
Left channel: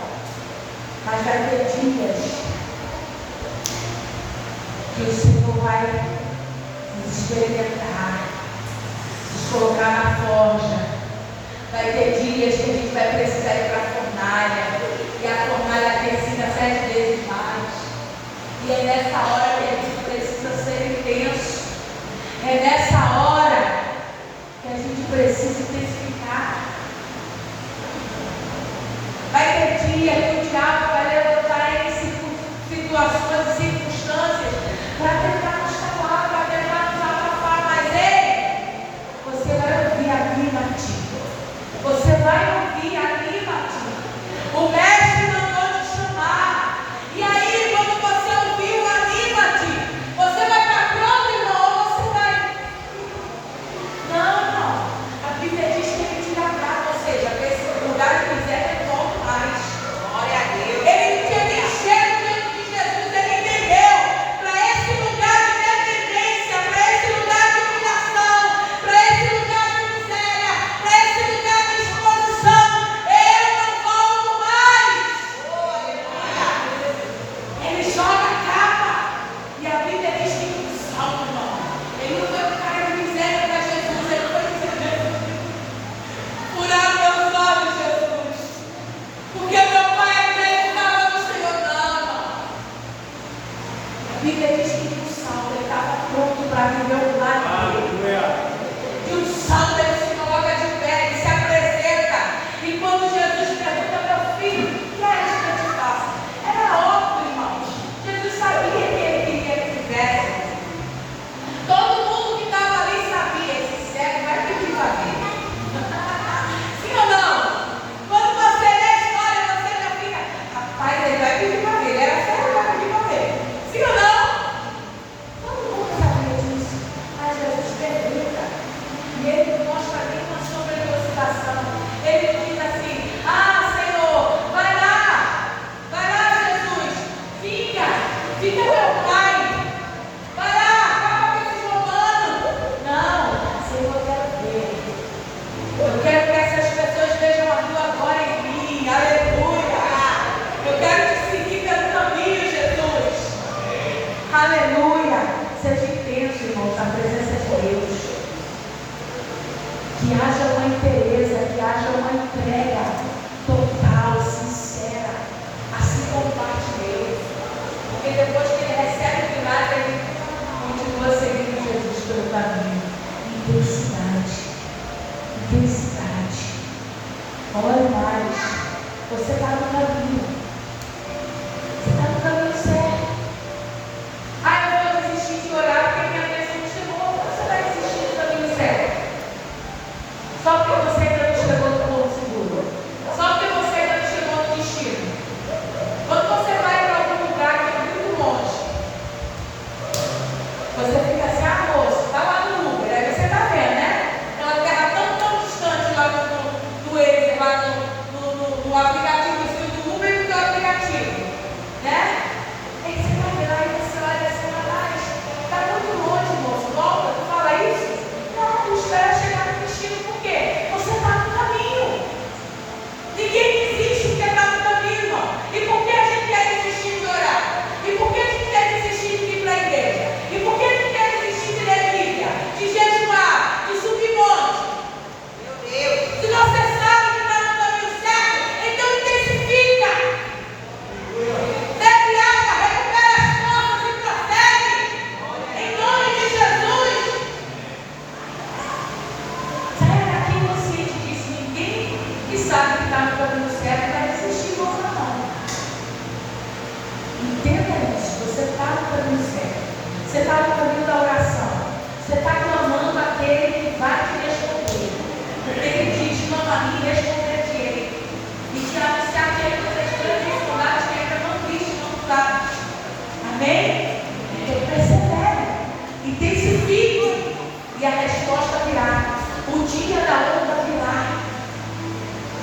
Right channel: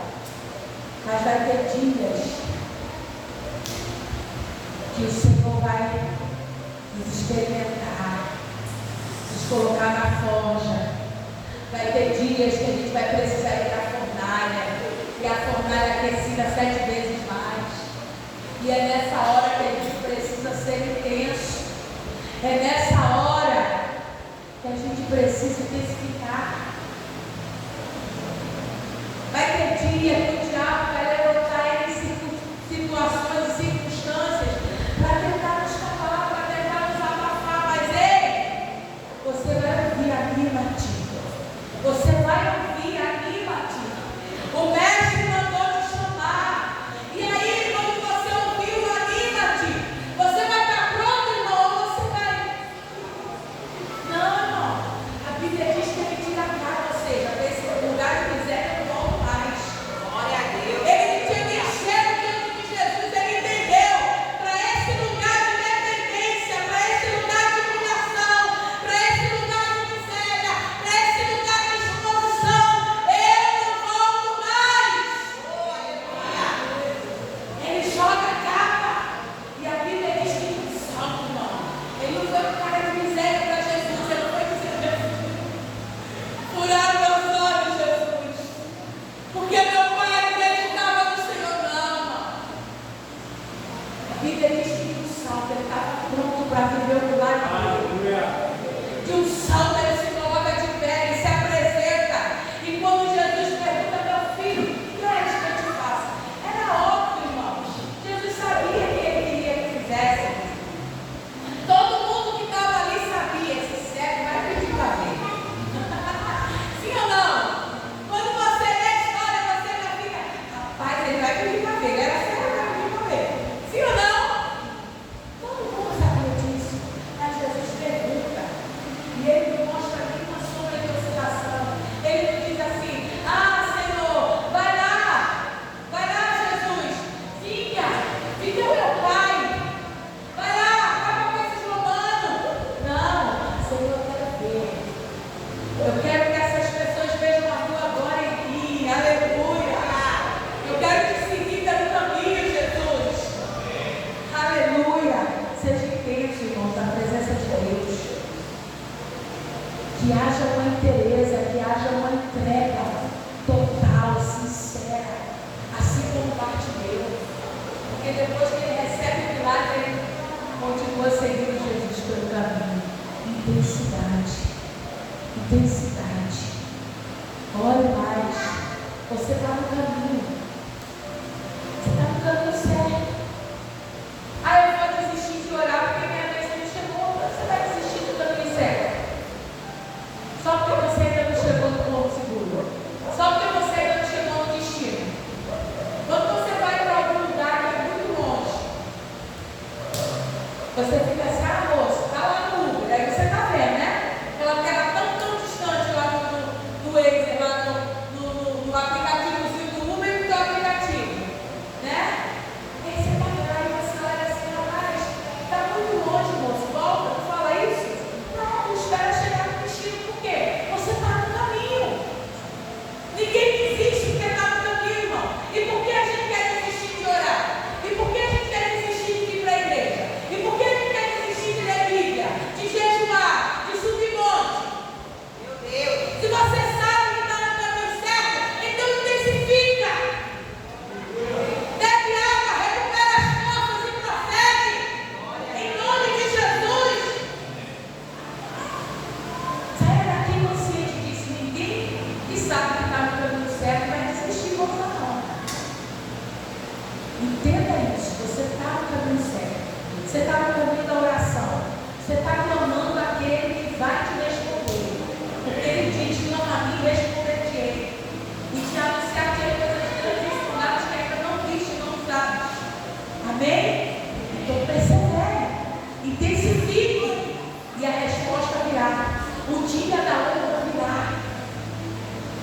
Mas vai ter dias que o Senhor vai nos experimentar, nos colocar na forja. Vai ter dias que a gente vai precisar ir para a fornalha, e a fornalha aquecida 7 vezes mais. E é nessa hora que a gente precisa ser intenso. É nessa hora que a gente precisa intensificar. Vai ter dia que o diabo vai levantar em situações e circunstâncias para tentar nos calar, para tentar nos abafar. Mas ei, você vai ouvir, anima-te. Você vai ouvir, anima-te. O mestre mandou te chamar. E aí, quando você ouviu, anima-te. Você vai estar pronto, irmão, ou você vai? Não. A Bíblia diz que ele tira a cara, ou seja, que esse lugar que quiser, ele volta mais. Glória a Deus. Ele tinha que encher o tempo de Jesus, ele entendeu. Para esse lugar de dependência, para esse lugar de humilhação, para esse lugar de miséria, para esse lugar de exposição, eu não volto mais. Ele joga a capa. E a Bíblia diz que um salto, irmão. Ele não foi para o cara de miséria para Jesus, ele foi dizer, Jesus, furar meus olhos, Jesus. Porque meu pai acreditava no Senhor, não, irmão. A Bíblia diz que de um salto ele estava pronto para viver o milagre dele. De um salto ele se coloca de pé, ele se apresenta. E quando Jesus pergunta, meu filho, o que é isso que eu te faço? Era óbvio, irmãos. Jesus sabia que ele queria que fizesse. Todo mundo que estava ali sabia, esse cego vai pedir para ver. Sim ou não? Quando você lê a história, você já fica, rapaz, ele vai pedir para ver. Ele era cego, ele vai pedir para ver. Sim ou não? Todo mundo sabia disso. Mas Jesus pergunta. E ele mostra Você fica assim, ah, moço, está lá no Uber, aí você está vendo, né? Aquela terra tão distante lá do Waze, lá no aplicativozinho do Uber e do aplicativo, né? Aí você vai ver lá e você olha assim, mas está muito longe, moço, volta, tu fala isso? Não, espera chegar no destino, por quê? Você está no caminho. Ninguém desiste porque está no caminho, irmão. E por que a gente quer desistir de orar? E por que a gente quer desistir de vir para a igreja? E por que a gente quer desistir de ler Bíblia? De jejuar? De subir monte? Meu Deus! Se você sabe que está no caminho certo, então intensifica. Bebe água, recupera as forças e prossegue. Em nome de Jesus. Saia daqui consciente disso. Ninguém que sabe que está no caminho certo vai desistir de volta, não. Entenda isso. Você está no caminho certo. Você está no caminho da oração. Você está clamando aquele que vai te responder. Porque ele diz: não a mim, responder-te. E te anunciar que ele coisas grandes e fundadas que ainda não viste, não sabes. Amém? Então persevere. Intensifique. E a resposta virá. O dia da honra virá.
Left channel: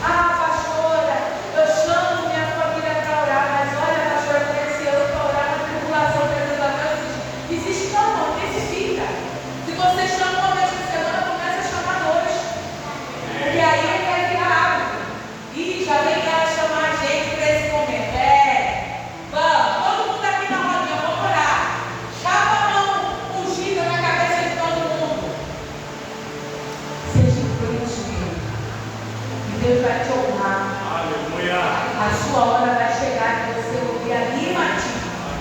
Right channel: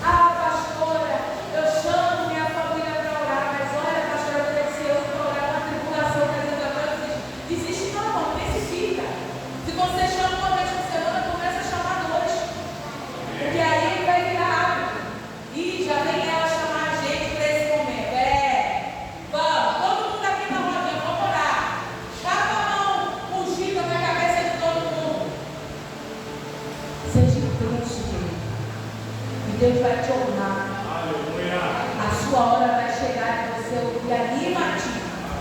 Ah, pastora, eu chamo minha família para orar, mas olha, pastora, eu conheci eu para orar na tribulação, desiste não, intensifica. Se você chama uma vez por semana, começa a chamar dois. Porque aí ele vai virar água. E já vem ela chamar a gente para esse momento. Vamos, todo mundo aqui na rodinha, vamos orar. Chapa a mão ungida na cabeça de todo mundo. Seja intenso nele. E Deus vai te honrar. Aleluia. A sua hora vai chegar e você ouvir: anima-te.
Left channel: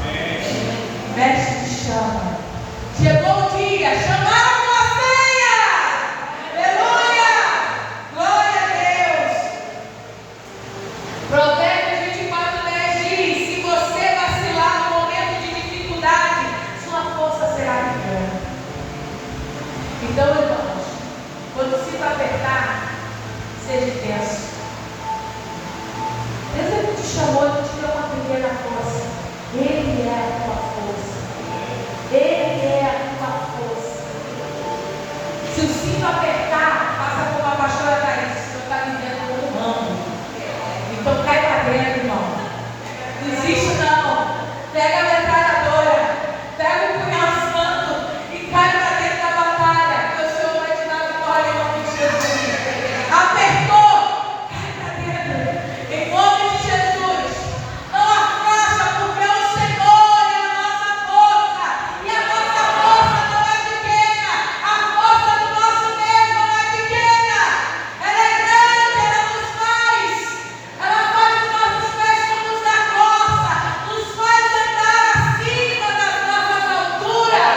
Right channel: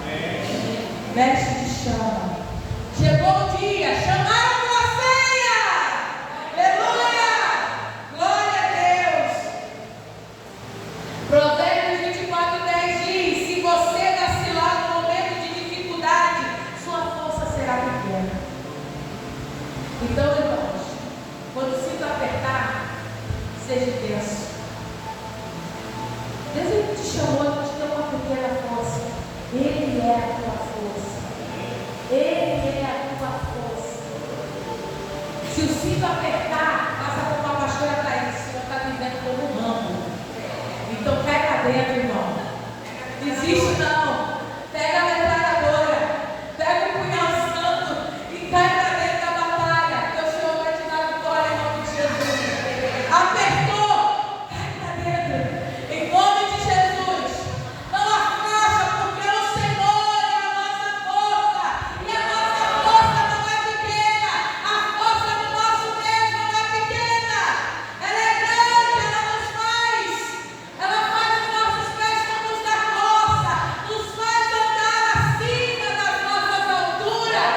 Amém. Mestre te chama. Chegou o dia. Chamaram tua ceia. Aleluia. Glória a Deus. Provérbios 24:10 diz: se você vacilar no momento de dificuldade, sua força será pequena. Então, irmãos, quando o cinto apertar, seja intenso. Deus não te chamou, não te deu uma pequena força. Ele é a tua força. Ele é a tua força. Se o cinto apertar, faça como a pastora Thaís. Você está vivendo no ramo. Então cai para dentro, irmão. Desiste não. Pega a metralhadora. Pega o punhal santo e cai para dentro da batalha. Porque o Senhor vai te dar vitória em nome de Jesus. Apertou. Cai para dentro. Em nome de Jesus. Não afasta, porque o Senhor é a nossa força. E a nossa força não é pequena. A força do nosso Deus não é pequena. Ela é grande, ela nos faz. Ela faz os nossos pés como os da corça. Nos faz andar acima das nossas alturas.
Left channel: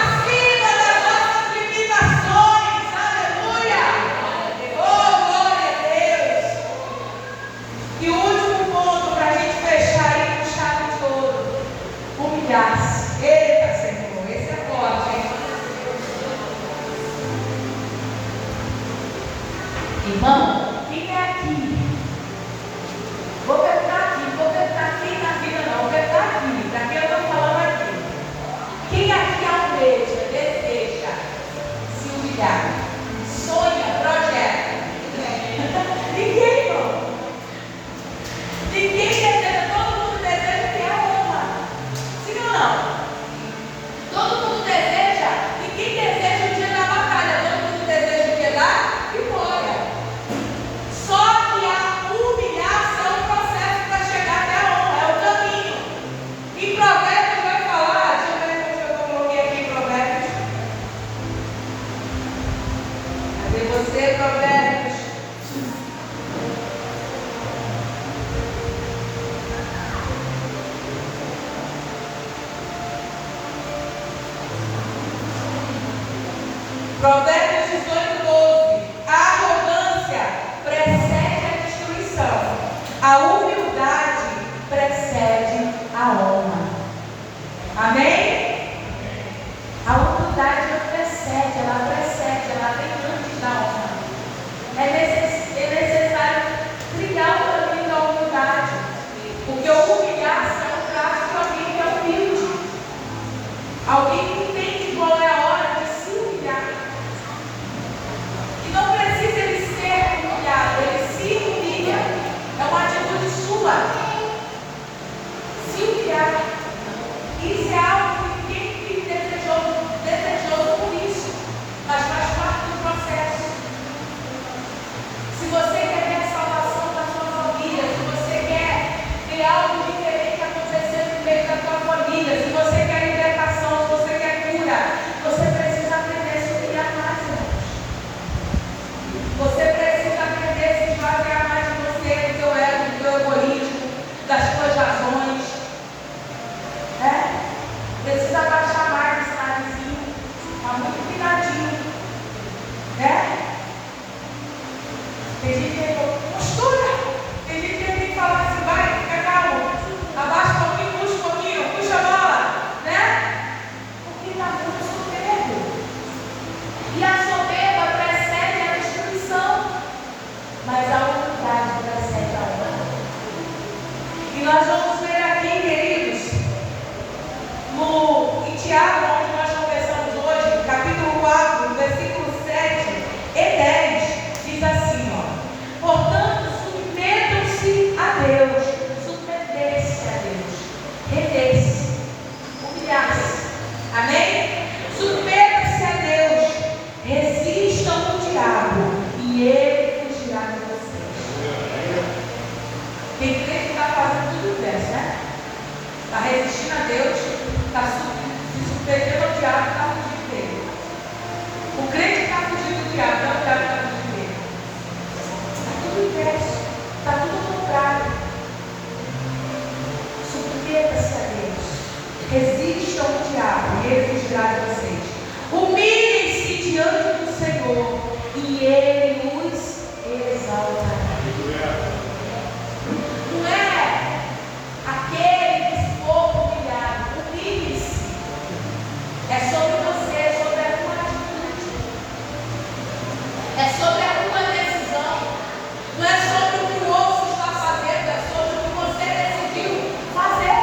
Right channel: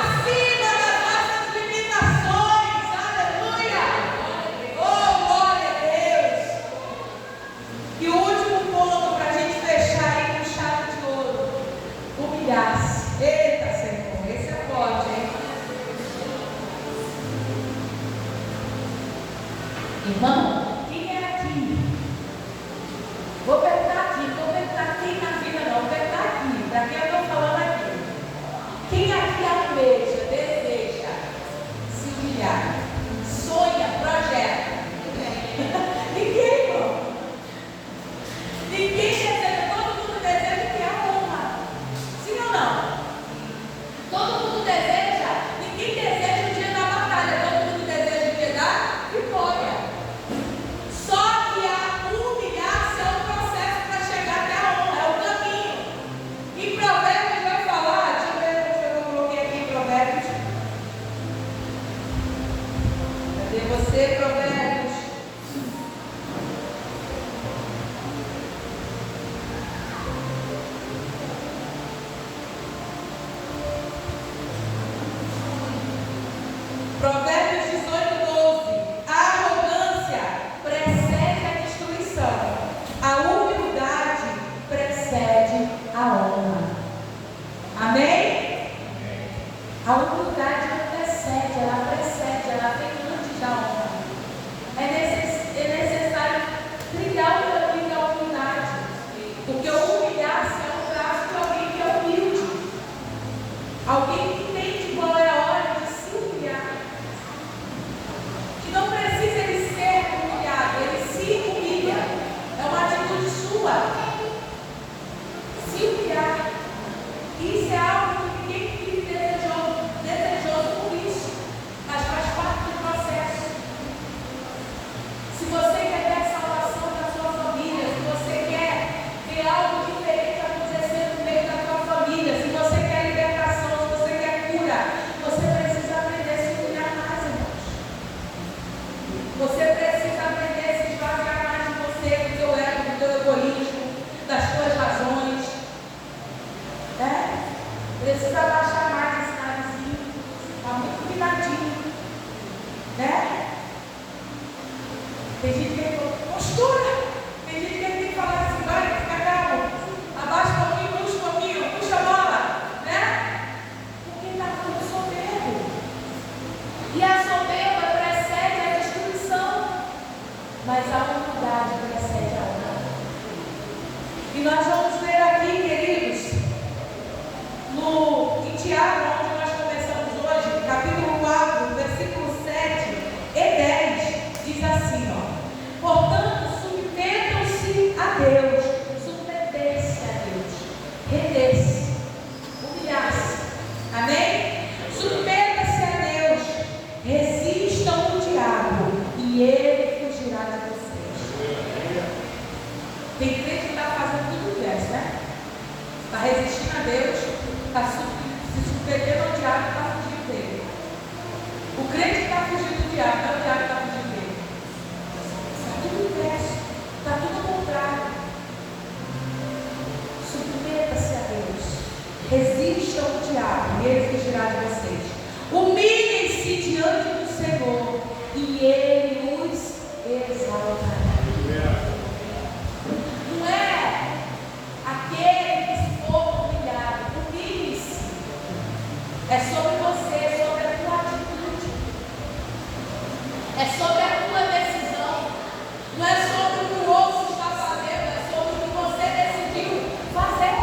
Acima das nossas limitações. Aleluia. Oh, glória a Deus. E o último ponto para a gente fechar aí com chave de ouro: humilhar-se. Eita, Senhor, esse é forte, hein? Irmão, quem é aqui? Vou perguntar quem na vida não, vou perguntar aqui, para quem eu estou falando aqui. Quem aqui almeja, deseja se humilhar? Sonha, projeta? Ninguém, irmão. Ninguém deseja, todo mundo deseja que é honra. Sim ou não? Todo mundo deseja, ninguém deseja o dia da batalha, todo mundo deseja o dia da vitória. Só que a humilhação é um processo para chegar até a honra, é o caminho. Em Provérbios vai falar, deixa eu ver se eu coloquei aqui em Provérbios. Cadê você, Provérbios? Provérbios 18:12. A arrogância precede a destruição. A humildade precede a honra. Amém? A humildade não precede, ela vem antes da honra. É necessário trilhar o caminho da humildade. Porque humilhar-se é um traço de alguém que é humilde. Alguém que tem É sobre você, é sobre a tua atitude. É sobre a tua decisão. Não é sobre o que o outro está fazendo, é sobre o que você decidiu fazer.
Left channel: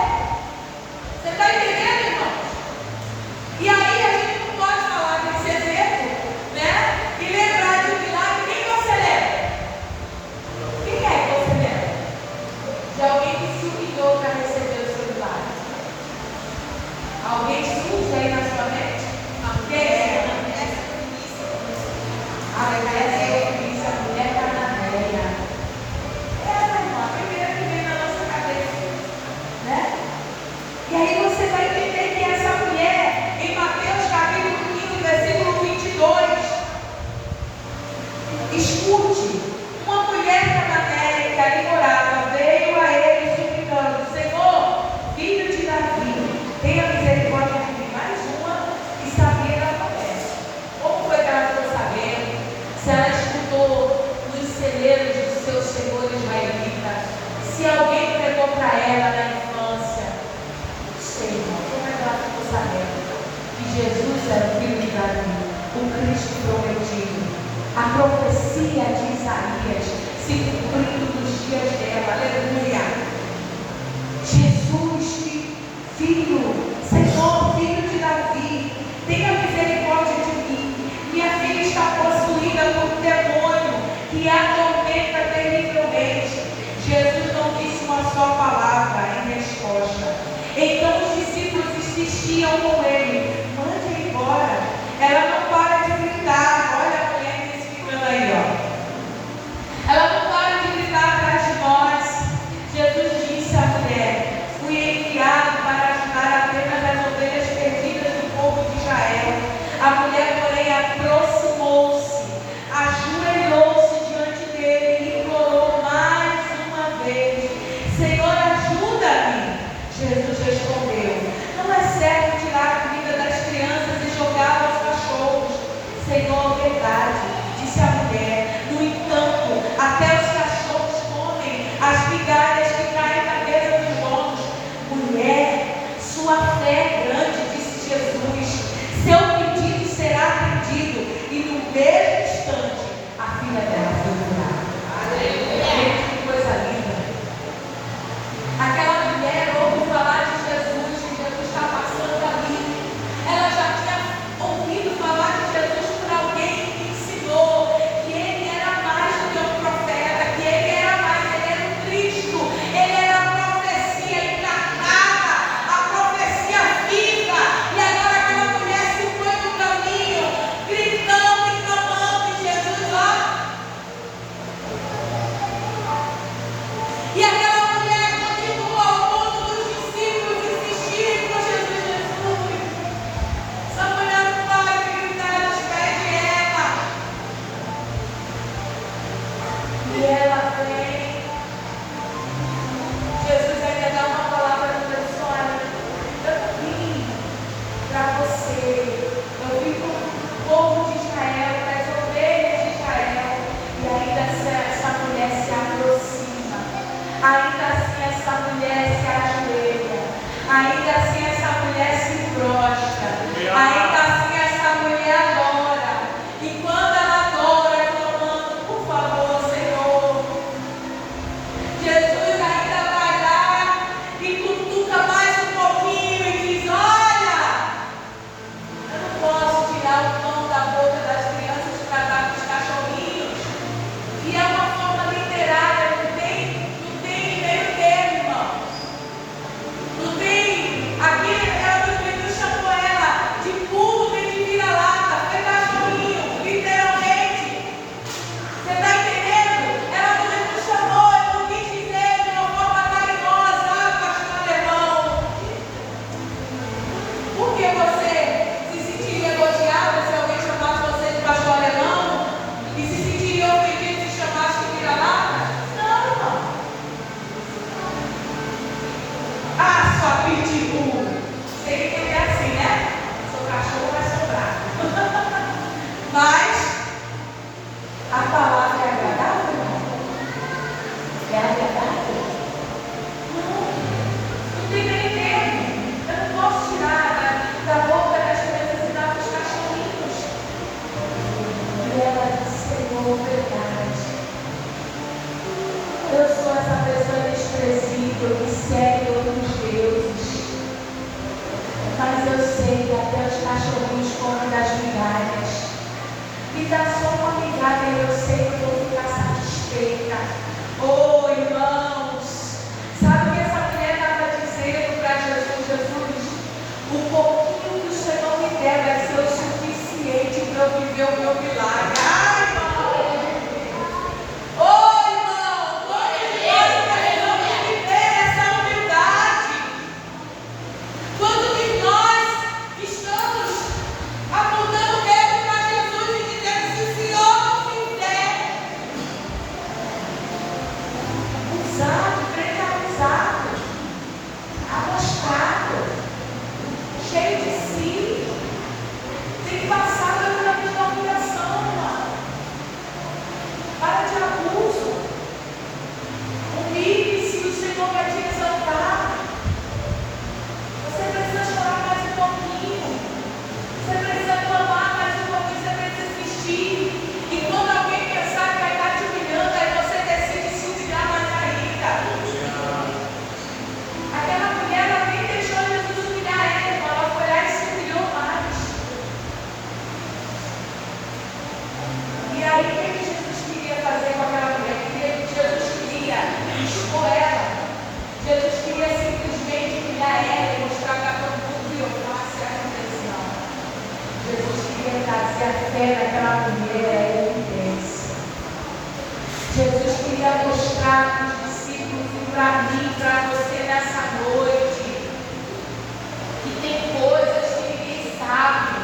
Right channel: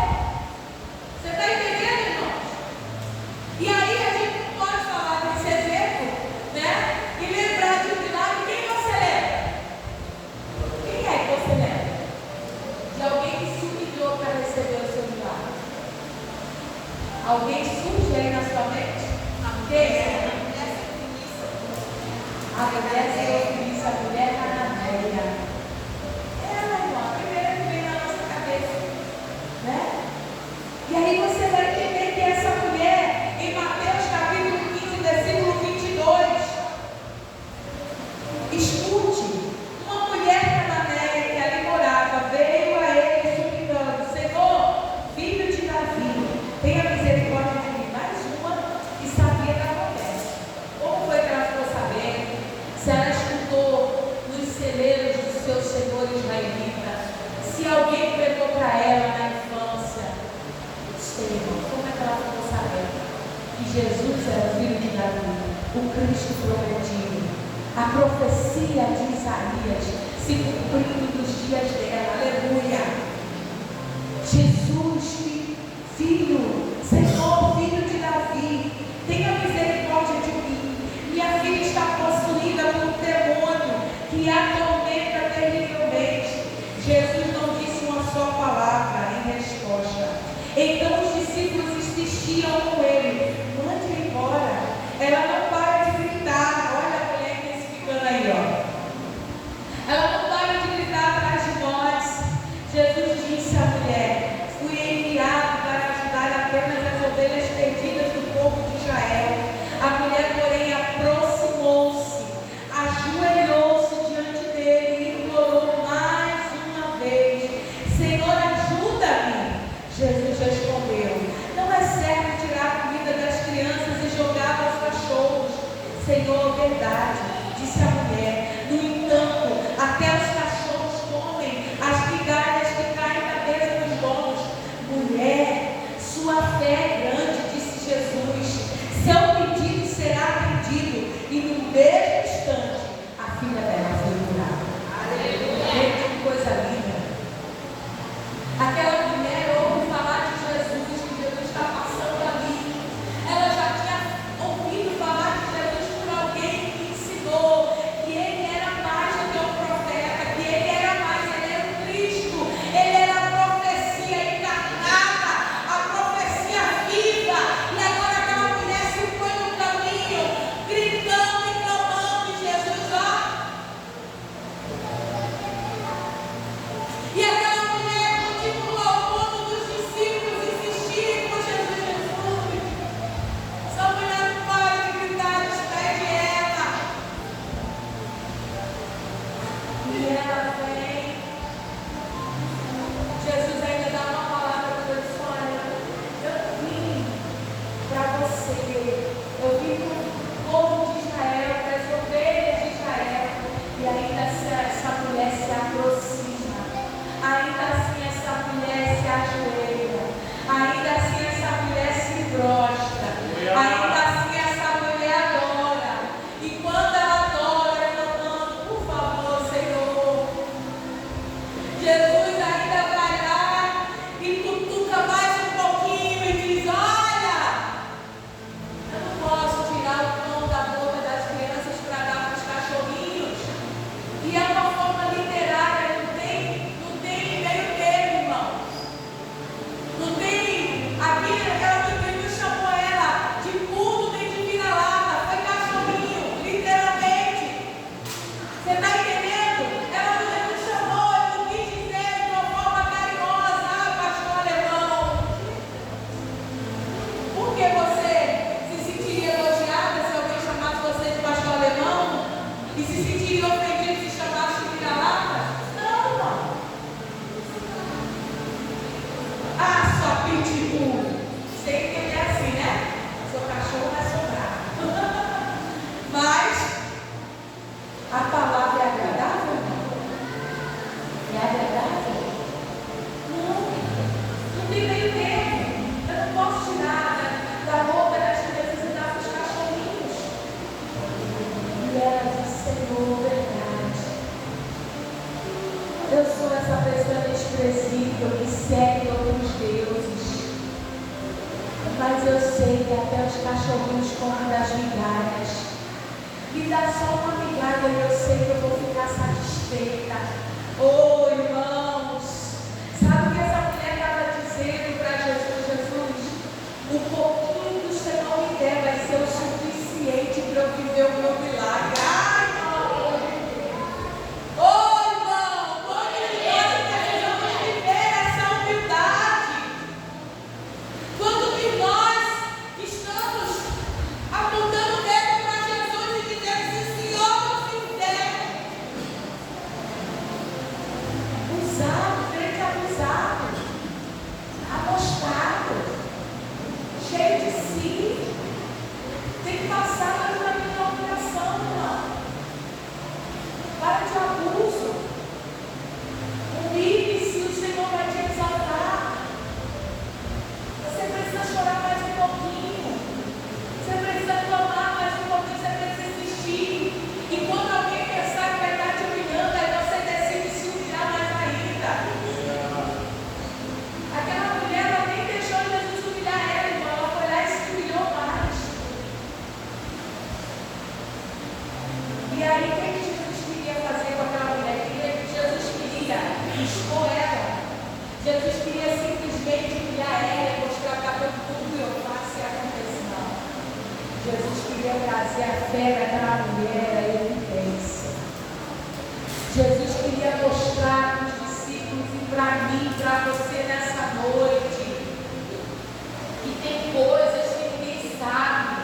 Você está entendendo, irmão? E aí a gente não pode falar desse exemplo, né? E lembrar de um milagre. Quem você lembra? Quem é que você lembra? De alguém que se humilhou para receber o seu milagre. Alguém surge aí na sua mente? Quem é? A mulher cananeia. Ela, irmão, a primeira que vem na nossa cabeça, né? E aí você vai entender que essa mulher, em Mateus capítulo 15, versículo 22, escute, uma mulher cananeia que ali morava, veio a ele suplicando: Senhor, filho de Davi, tenha misericórdia de mim. Mais uma que sabia da promessa. Como foi que ela ficou sabendo? Se ela escutou nos celeiros do seu senhor israelita, se alguém pregou para ela na infância. Sei, irmão, como é que ela ficou sabendo que Jesus era o filho de Davi, o Cristo prometido? A profecia de Isaías se cumprindo nos dias dela. Aleluia. Jesus, filho, Senhor, filho de Davi, tenha misericórdia de mim. Minha filha está possuída por um demônio que a atormenta terrivelmente. Jesus não disse uma só palavra em resposta. Então os discípulos insistiam com ele: mande embora. Ela não para de gritar. Olha a mulher intensificando aí, ó. Ela não para de gritar atrás de nós. Jesus disse à mulher: fui enviado para ajudar apenas as ovelhas perdidas do povo de Israel. A mulher, porém, aproximou-se, ajoelhou-se diante dele e implorou mais uma vez: Senhor, ajuda-me. Jesus respondeu: não é certo tirar a comida das crianças e jogá-la aos cachorros. Senhor, verdade, disse a mulher. No entanto, até os cachorros comem as migalhas que caem na mesa dos donos. Mulher, sua fé é grande, disse Jesus. Seu pedido será atendido. E no mesmo instante, a filha dela foi curada. Aleluia! Que coisa linda! Aquela mulher ouve falar de Jesus, que Jesus está passando ali. Ela já tinha ouvido falar de Jesus por alguém que ensinou que ele era mais do que um profeta, que ele era mais, ele era o Cristo, ele era a profecia encarnada, a profecia viva. E agora aquela mulher se foi só uma migalha, eu sei que eu vou ficar satisfeita. Oh, irmãos, sabe o que essa mulher estava dizendo para Jesus? Jesus, o pouquinho que o Senhor me der vai ser o suficiente para eu viver o meu milagre. Ai, irmão! Oh, irmão, quando de nós precisamos viver essa humildade? Quando de nós estamos apontando o dedo para Jesus e dizendo: se o Senhor não fizer, usado, crente abusado, amostado, cheio de si, tem que passar pelo caminho da humilhação, irmão. Para de abuso. Humilhe-se, o Senhor vai te exaltar. Você precisa chorar mais um pouquinho. Você precisa clamar mais um pouquinho. Você precisa insistir. E quando alguém pensar que vai estar te humilhando, aí você decide se humilhar mais ainda. Aquela mulher, ela nem deixou Jesus humilhar ela, irmão. Ela foi lá e se humilhou mais. E aí, o que Jesus queria fazer com aquela mulher? Jesus queria expor ela. Jesus queria simplesmente humilhar ela e mostrar para todo mundo que eu faço a confissão. Jesus queria trazer a fé daquela mulher à evidência. Jesus queria mostrar para os discípulos e para mim, para você nessa noite, que tem coisas que ninguém sabe,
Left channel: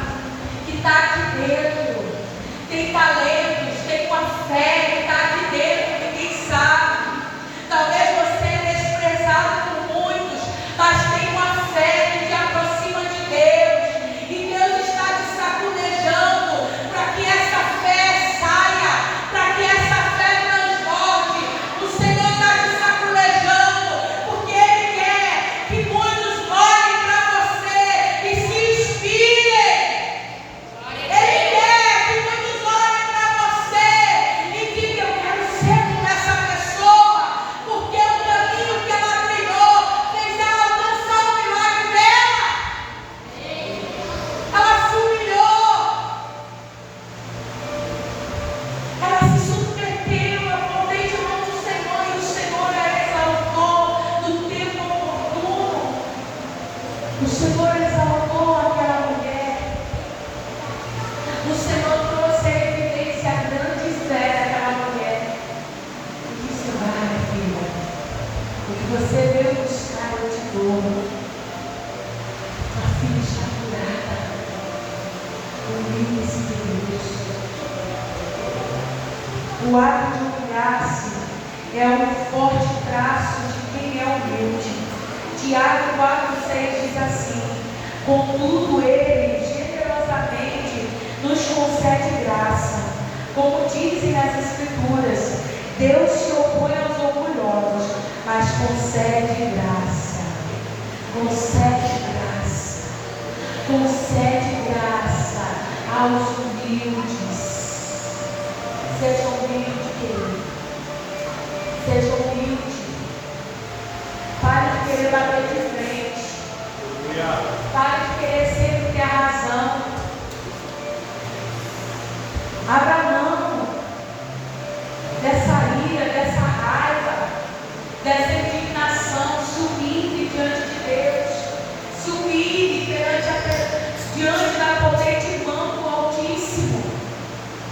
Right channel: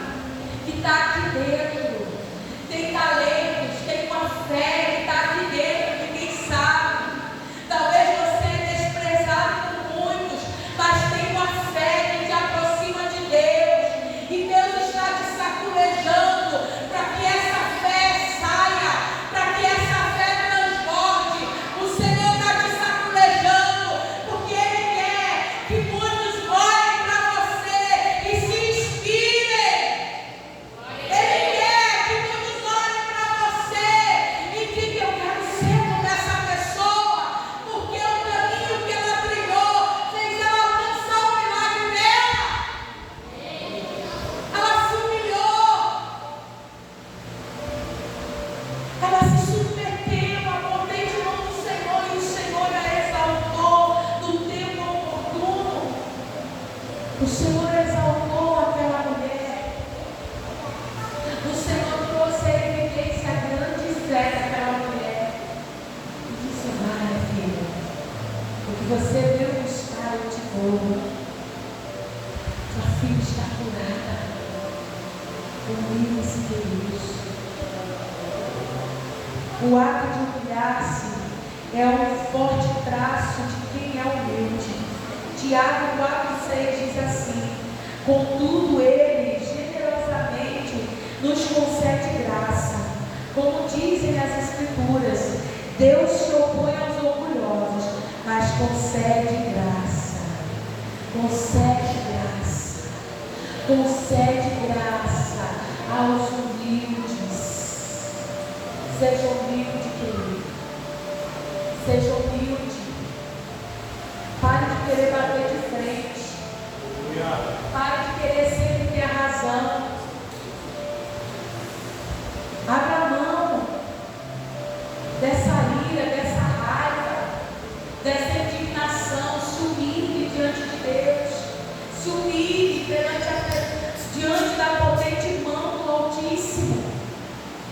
que está aqui dentro. Tem talentos, tem uma fé que está aqui dentro, que ninguém sabe. Talvez você é desprezado por muitos, mas tem uma fé que te aproxima de Deus. E Deus está te sacudejando para que essa fé saia, para que essa fé transborde. O Senhor está te sacudejando, porque Ele quer que muitos olhem para você e se inspirem. Ele quer que muitos olhem para você e digam: eu quero ser como essa pessoa, porque o caminho que ela trilhou fez ela alcançar o milagre dela. Ela se humilhou, ela se submeteu à potente mão do Senhor e o Senhor a exaltou no tempo oportuno. O Senhor exaltou aquela mulher. O Senhor trouxe a evidência, a grande fé daquela mulher. E disse: vai, minha filha, o que você veio buscar eu te dou. Tua filha está curada. Humilhe-se de Deus. O ato de humilhar-se é um forte traço de quem é humilde. Tiago 4,6 diz assim: contudo, Ele generosamente nos concede graça. Como dizem as Escrituras, Deus se opõe aos orgulhosos, mas concede graça. Concede graça. Concede graça aos humildes. Seja humilde, querido. Seja humilde. Pare de querer bater de frente. Pare de querer sempre ter a razão. Abra mão dessa ira, dessa raiva, dessa indignação. Se humilhe diante de Deus. Se humilhe diante da potente mão do Altíssimo.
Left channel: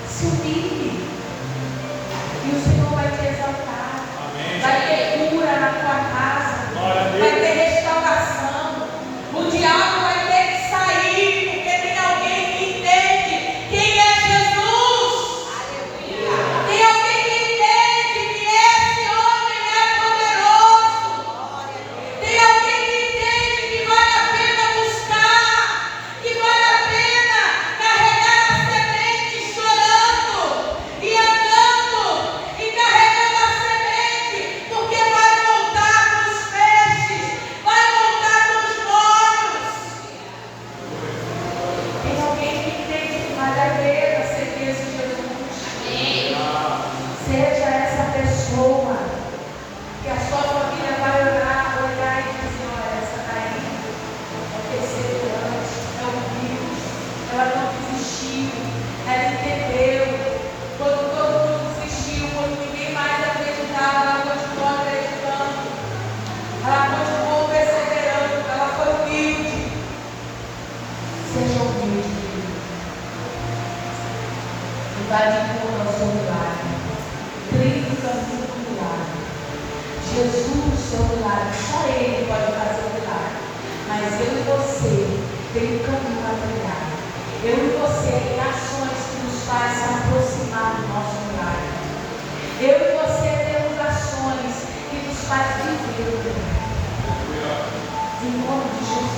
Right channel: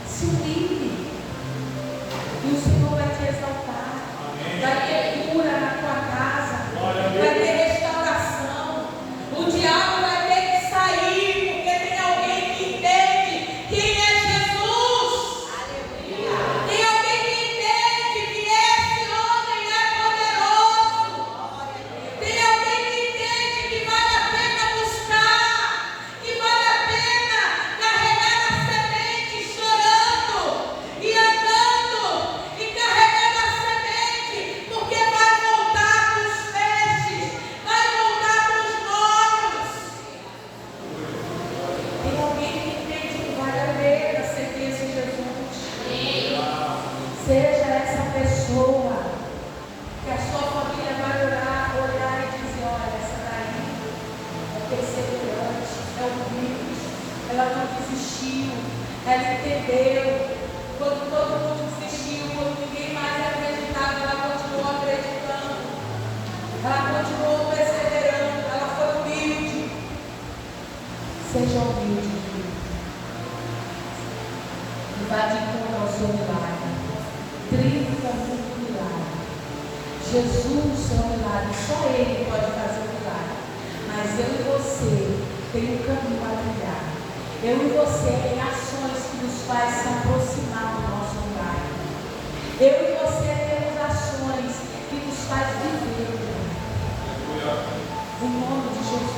Se humilhe. E o Senhor vai te exaltar. Amém. Vai ter cura na tua casa. Vai ter restauração. O diabo vai ter que sair, porque tem alguém que entende quem é Jesus. Aleluia. Tem alguém que entende que esse homem é poderoso. Tem alguém que entende que vale a pena buscar, que vale a pena carregar a semente chorando e andando e carregando a semente, porque vai voltar com os peixes, vai voltar com os molhos. Tem alguém que entende que vale a pena seguir esse Jesus. Seja essa pessoa que a sua família vai olhar e dizer: olha, essa daí é perseverante, é humilde, ela não desistiu, ela entendeu. Vai de encontro ao seu milagre. Trilhe o caminho do milagre. Jesus é o milagre. Só Ele pode fazer o milagre. Mas eu e você tem um caminho a trilhar. Eu e você tem ações que nos faz se aproximar do nosso milagre. Eu e você temos ações que nos faz viver o milagre. Em nome de Jesus.